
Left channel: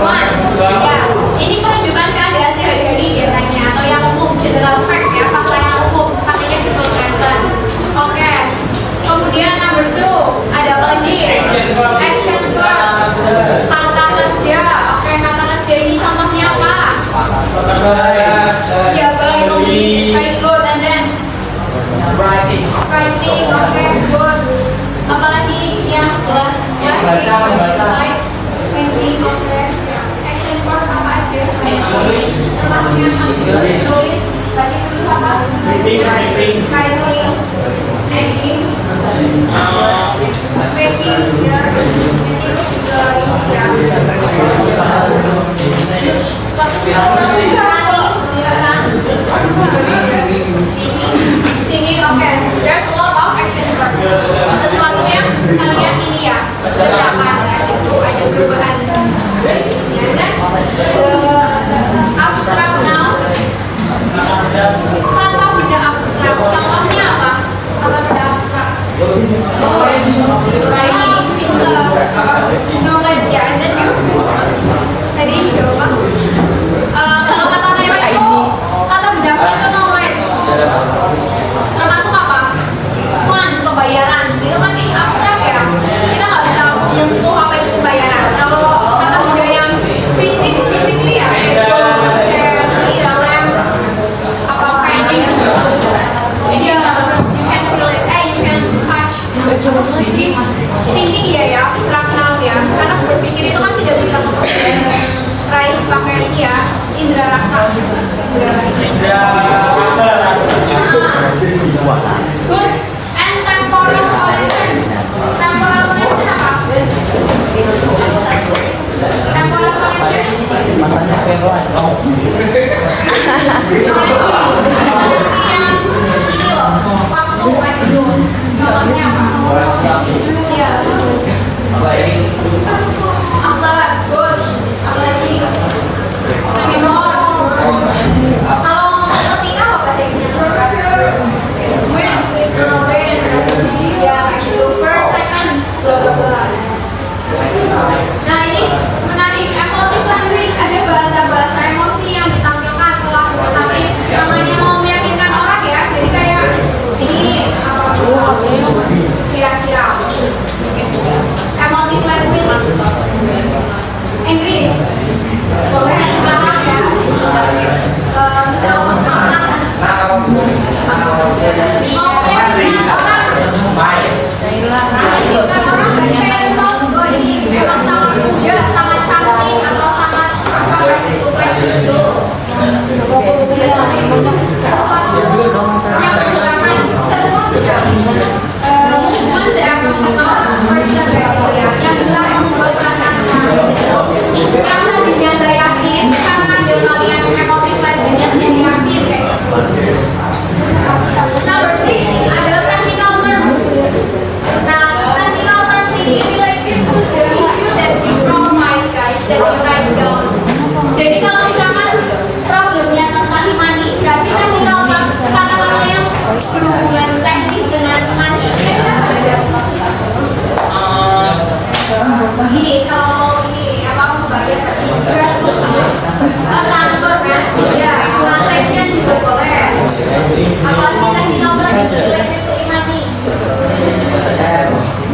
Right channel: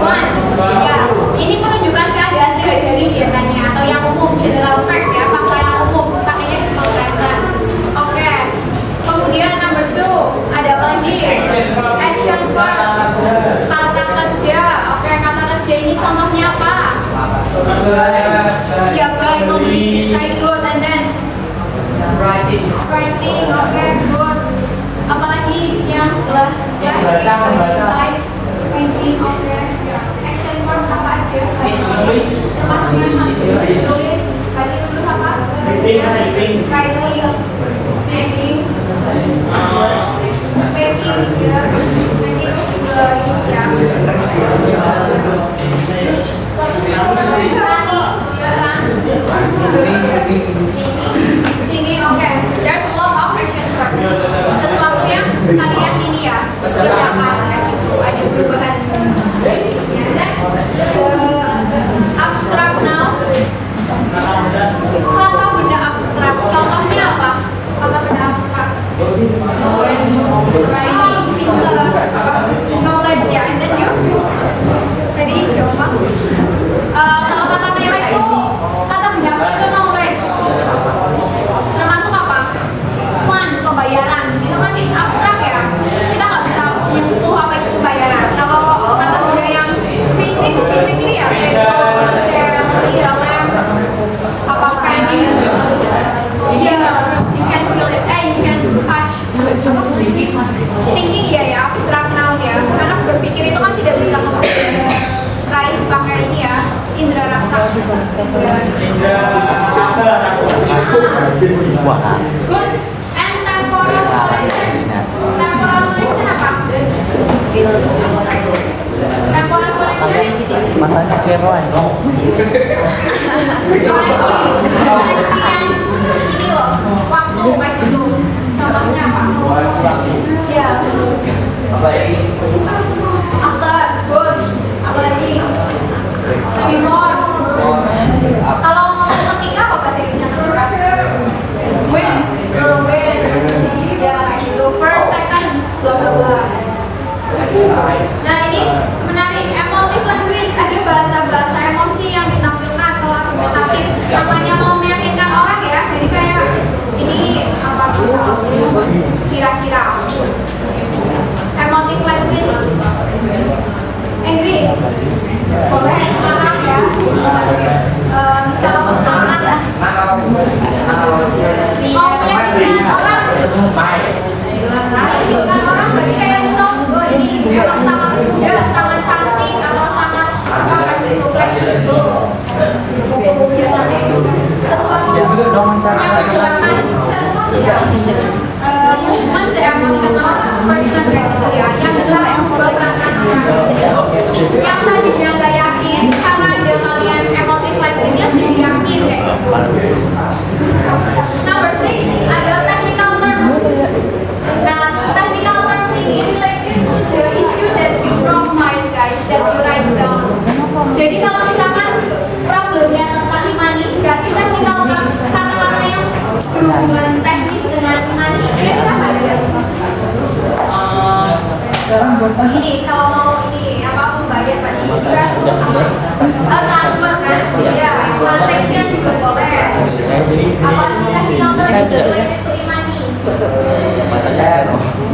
one. Ya, ini menunjukkan keadaan sehari-hari biasanya atau yang umum, general fact ya, fakta yang umum. Pakainya simple present. Oke. Kemudian number 2, ada apa lagi? Action verb. Kata kerja. Oke, kata kerja ini contohnya apa? Ya, baik, very good. And then writing, oke, good. Apalagi yang sebelah ya, slide, painting, oke. Action verb apa aja? Termasuk yang tulis. Tadi dulu apa? Writing, naming, making, ya, making inisial. Running,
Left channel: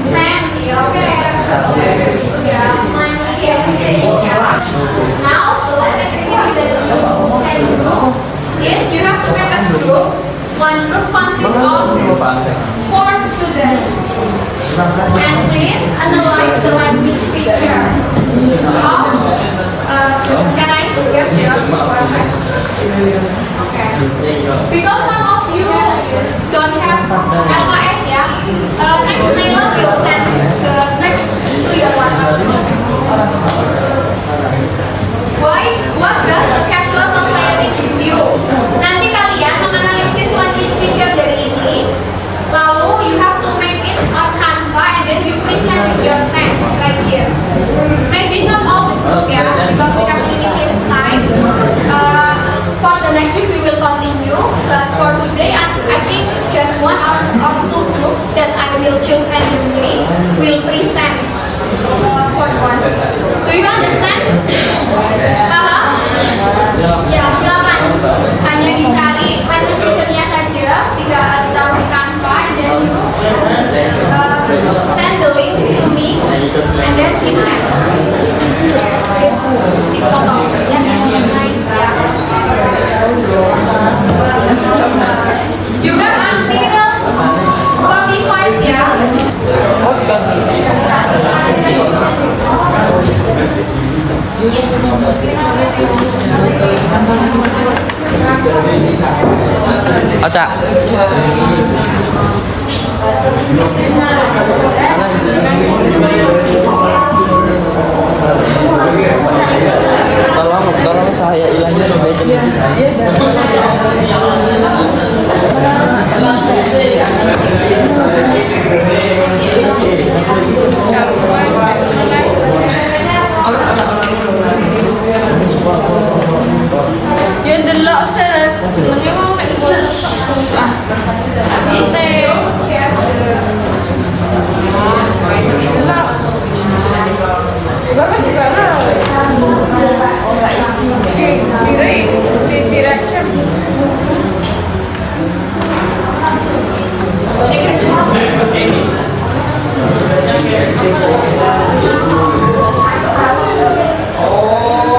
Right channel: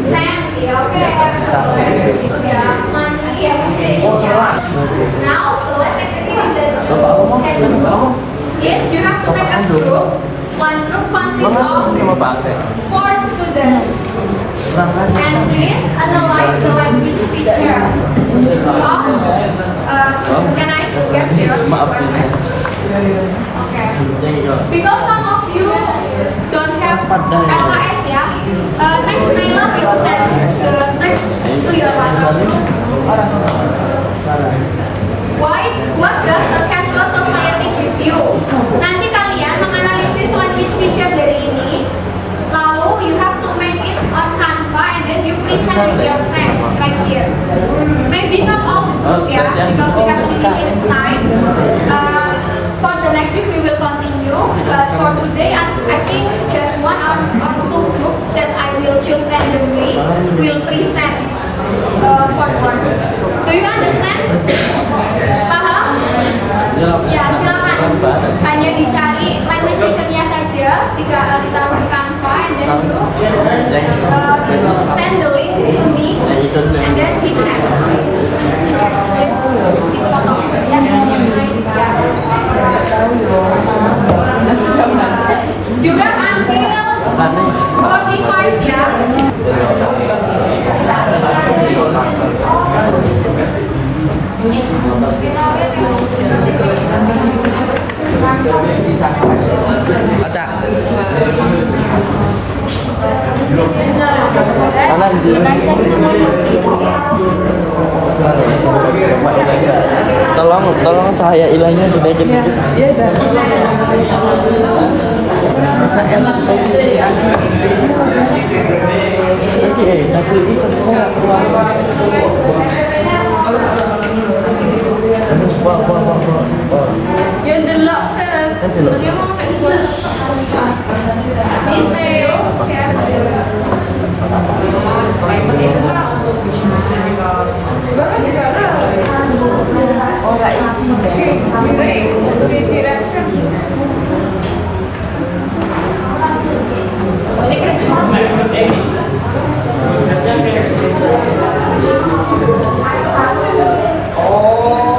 Cent, yeah, okay. Yeah, money, everything, yeah. Now, the last activity that you can do is you have to make a group. One group consists of 4 students. And please analyze the language feature of, can I get your UMS? Okay. Because some of you don't have LKS, yeah. Next Naila will send the next to your WhatsApp group. What does a cashless society give you? Nanti kalian menganalisis language feature dari ini, lalu you have to make it on Canva and then you present with your friends right here. Maybe not all the group, yeah, because we have limited time. For the next week we will continue, but for today I think just 1 or 2 group that I will choose randomly will present forward. Do you understand? Paham? Ya, silakan. Hanya dicari language feature-nya saja, ditaruh di Canva, and then you send the link to me, and then present. Di foto, ya. Juga until 45 ya. Ocha. Tolong cahaya ilangnya udah Yun din lang sa Means I don't share the Bapak sekarang di direction.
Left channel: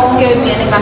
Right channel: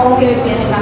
Oke, ini kan.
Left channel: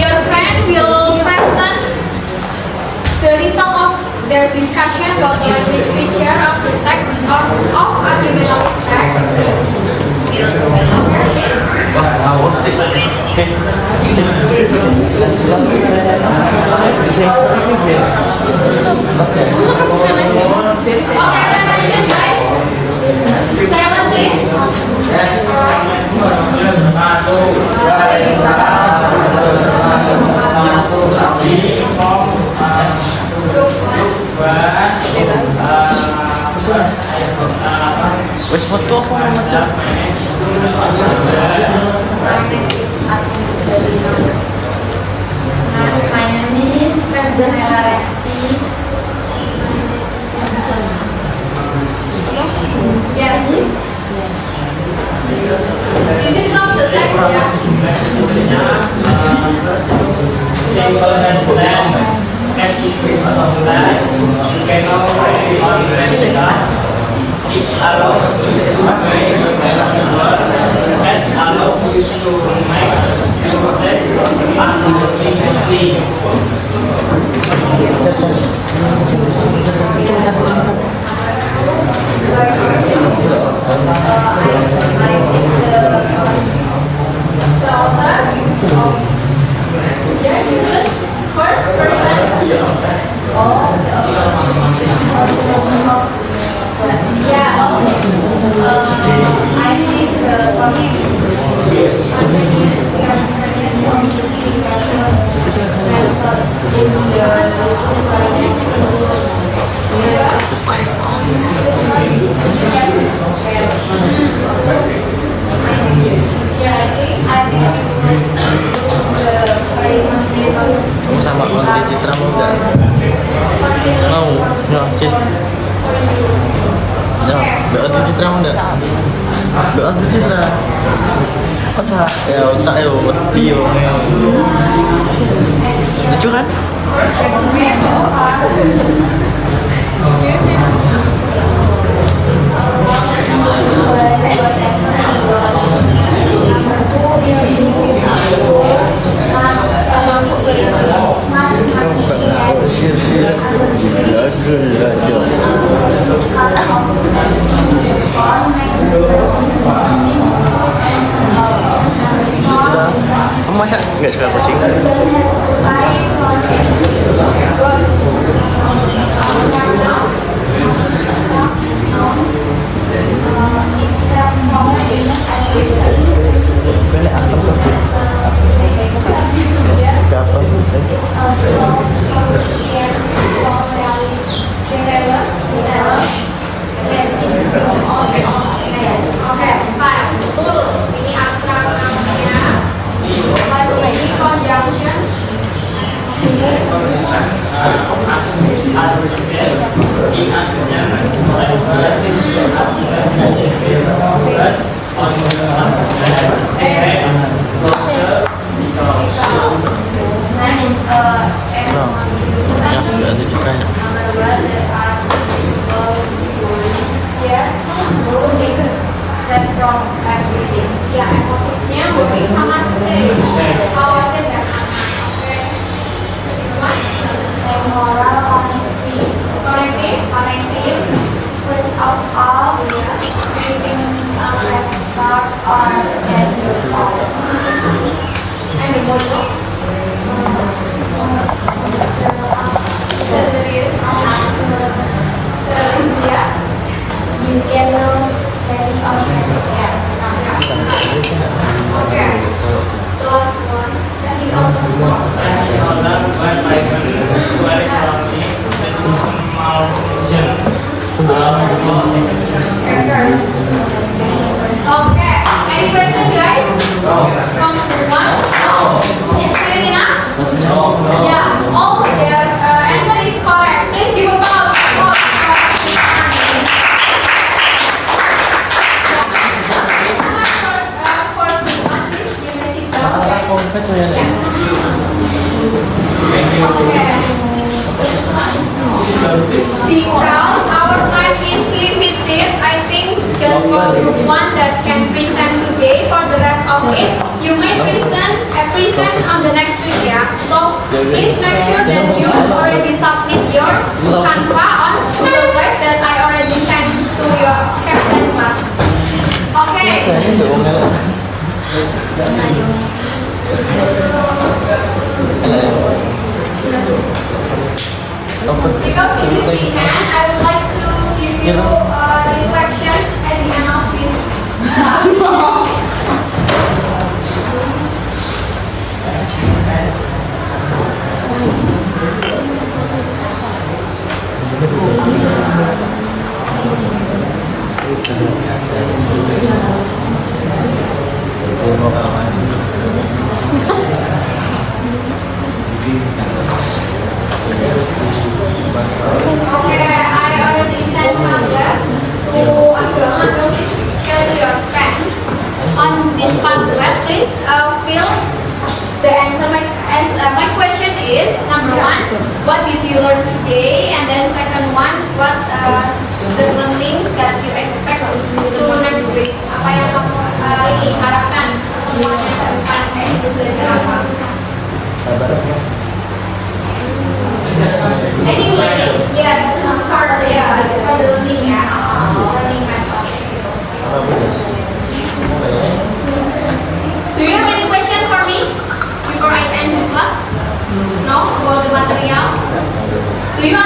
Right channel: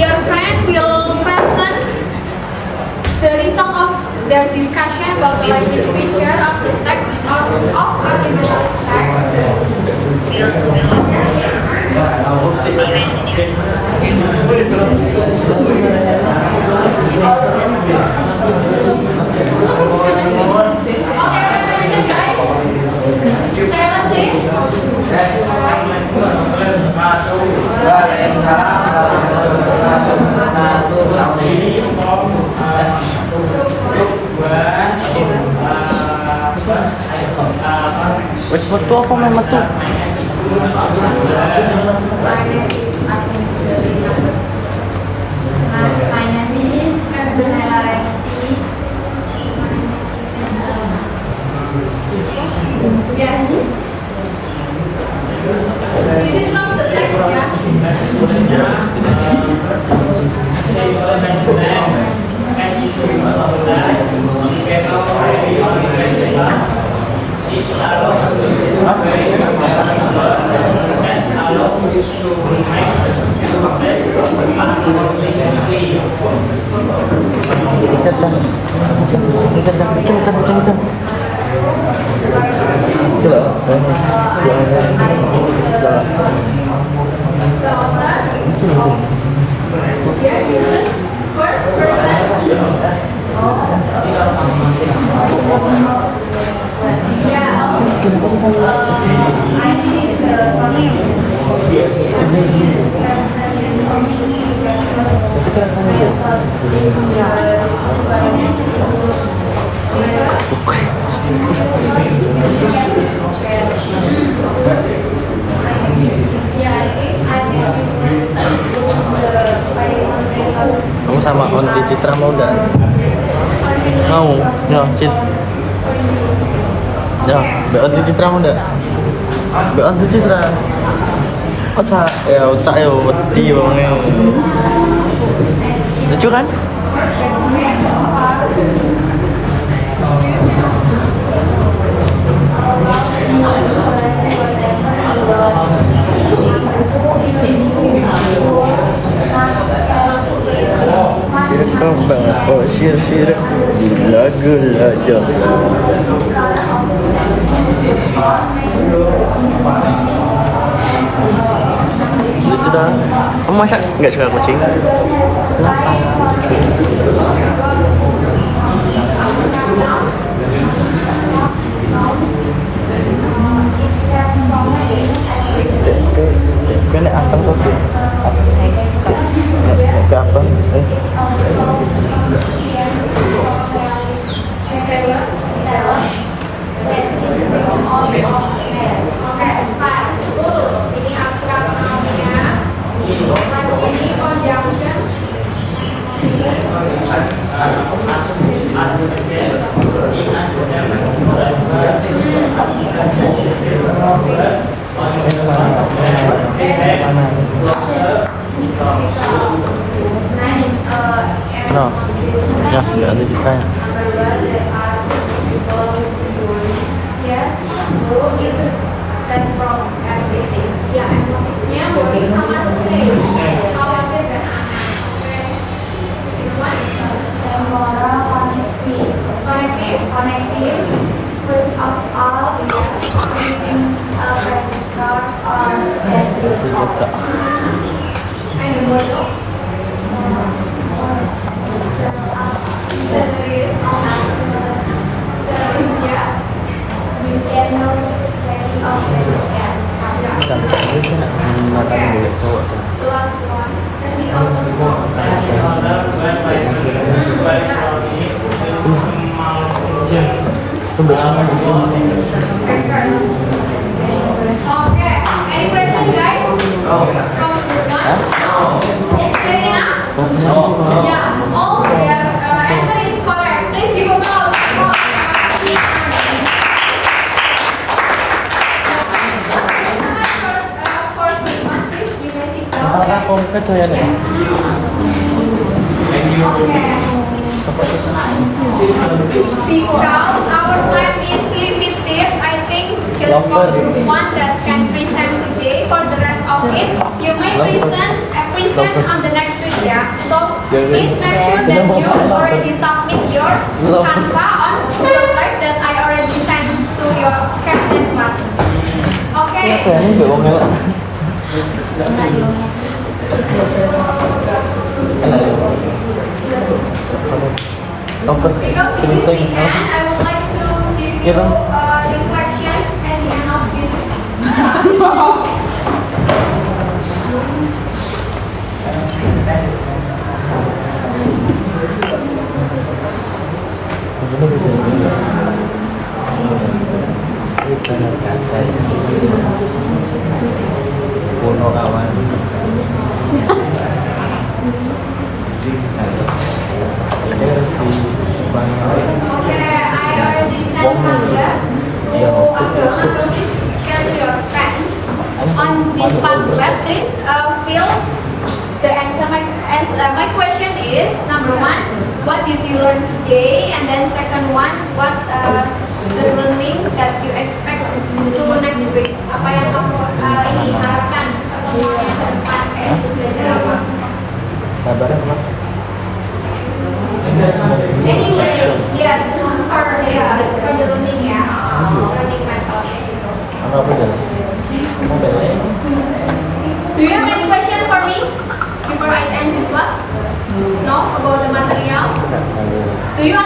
Your friend will present the result of their discussion about the language feature of the text of artificial Okay, attention guys. Silence please. Wes foto apa mama tuh? My name is Ferdinand Resti. Yes. This is from the text, Yeah, use it first person. Yeah. I think Kamu sama Onti Citra mau nggak? Mau, ya Cit. Ya, Mbak Onti Citra mau nggak? Mbak Onti Citra. Ocak. Ya, Ocak ya, Onti wongnya. Lucu kan? Oh, sir. Kamu masak nggak suka kucing? Because our time is limited, I think just for group one that can present today. For the rest of it, you may present on the next week, yeah. So please make sure that you already submit your Canva on Google Drive that I already sent to your captain class. Okay. Because this is the end, I would like to give you reflection at the end of this. This pamphlet, please fill the answer. My question is, number one, what did you learn today? And then second one, what the learning that you expect to next week? Apa yang kamu ini harapkan semuanya ke depan itu belajar apa? Anyway, yes, for the learning ya, learning method. Do you have any question for me before I end this class? No, about the material? Do you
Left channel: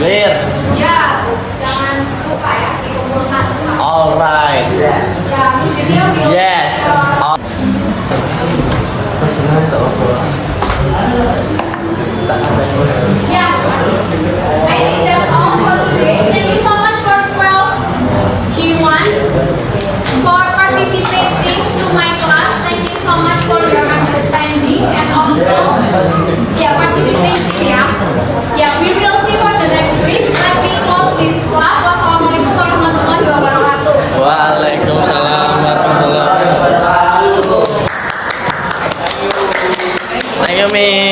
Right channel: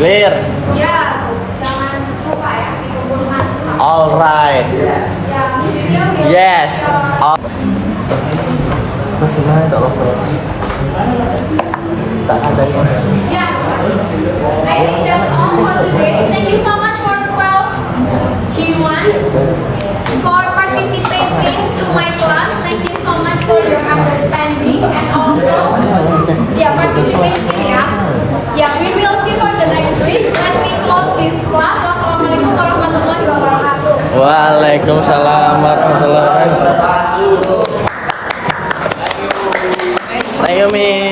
Clear. Ya, jangan lupa ya dikumpulkan. Alright. Ya, Miss Video. Yes. Yeah, I think that's all for today. Thank you so much for 12 Q1 for participating to my class. Thank you so much for your understanding and also participation. Yeah, we will see for the next week. Let me close this class. Wassalamualaikum warahmatullahi wabarakatuh. Waalaikumsalam warahmatullahi wabarakatuh. Thank you, Miss.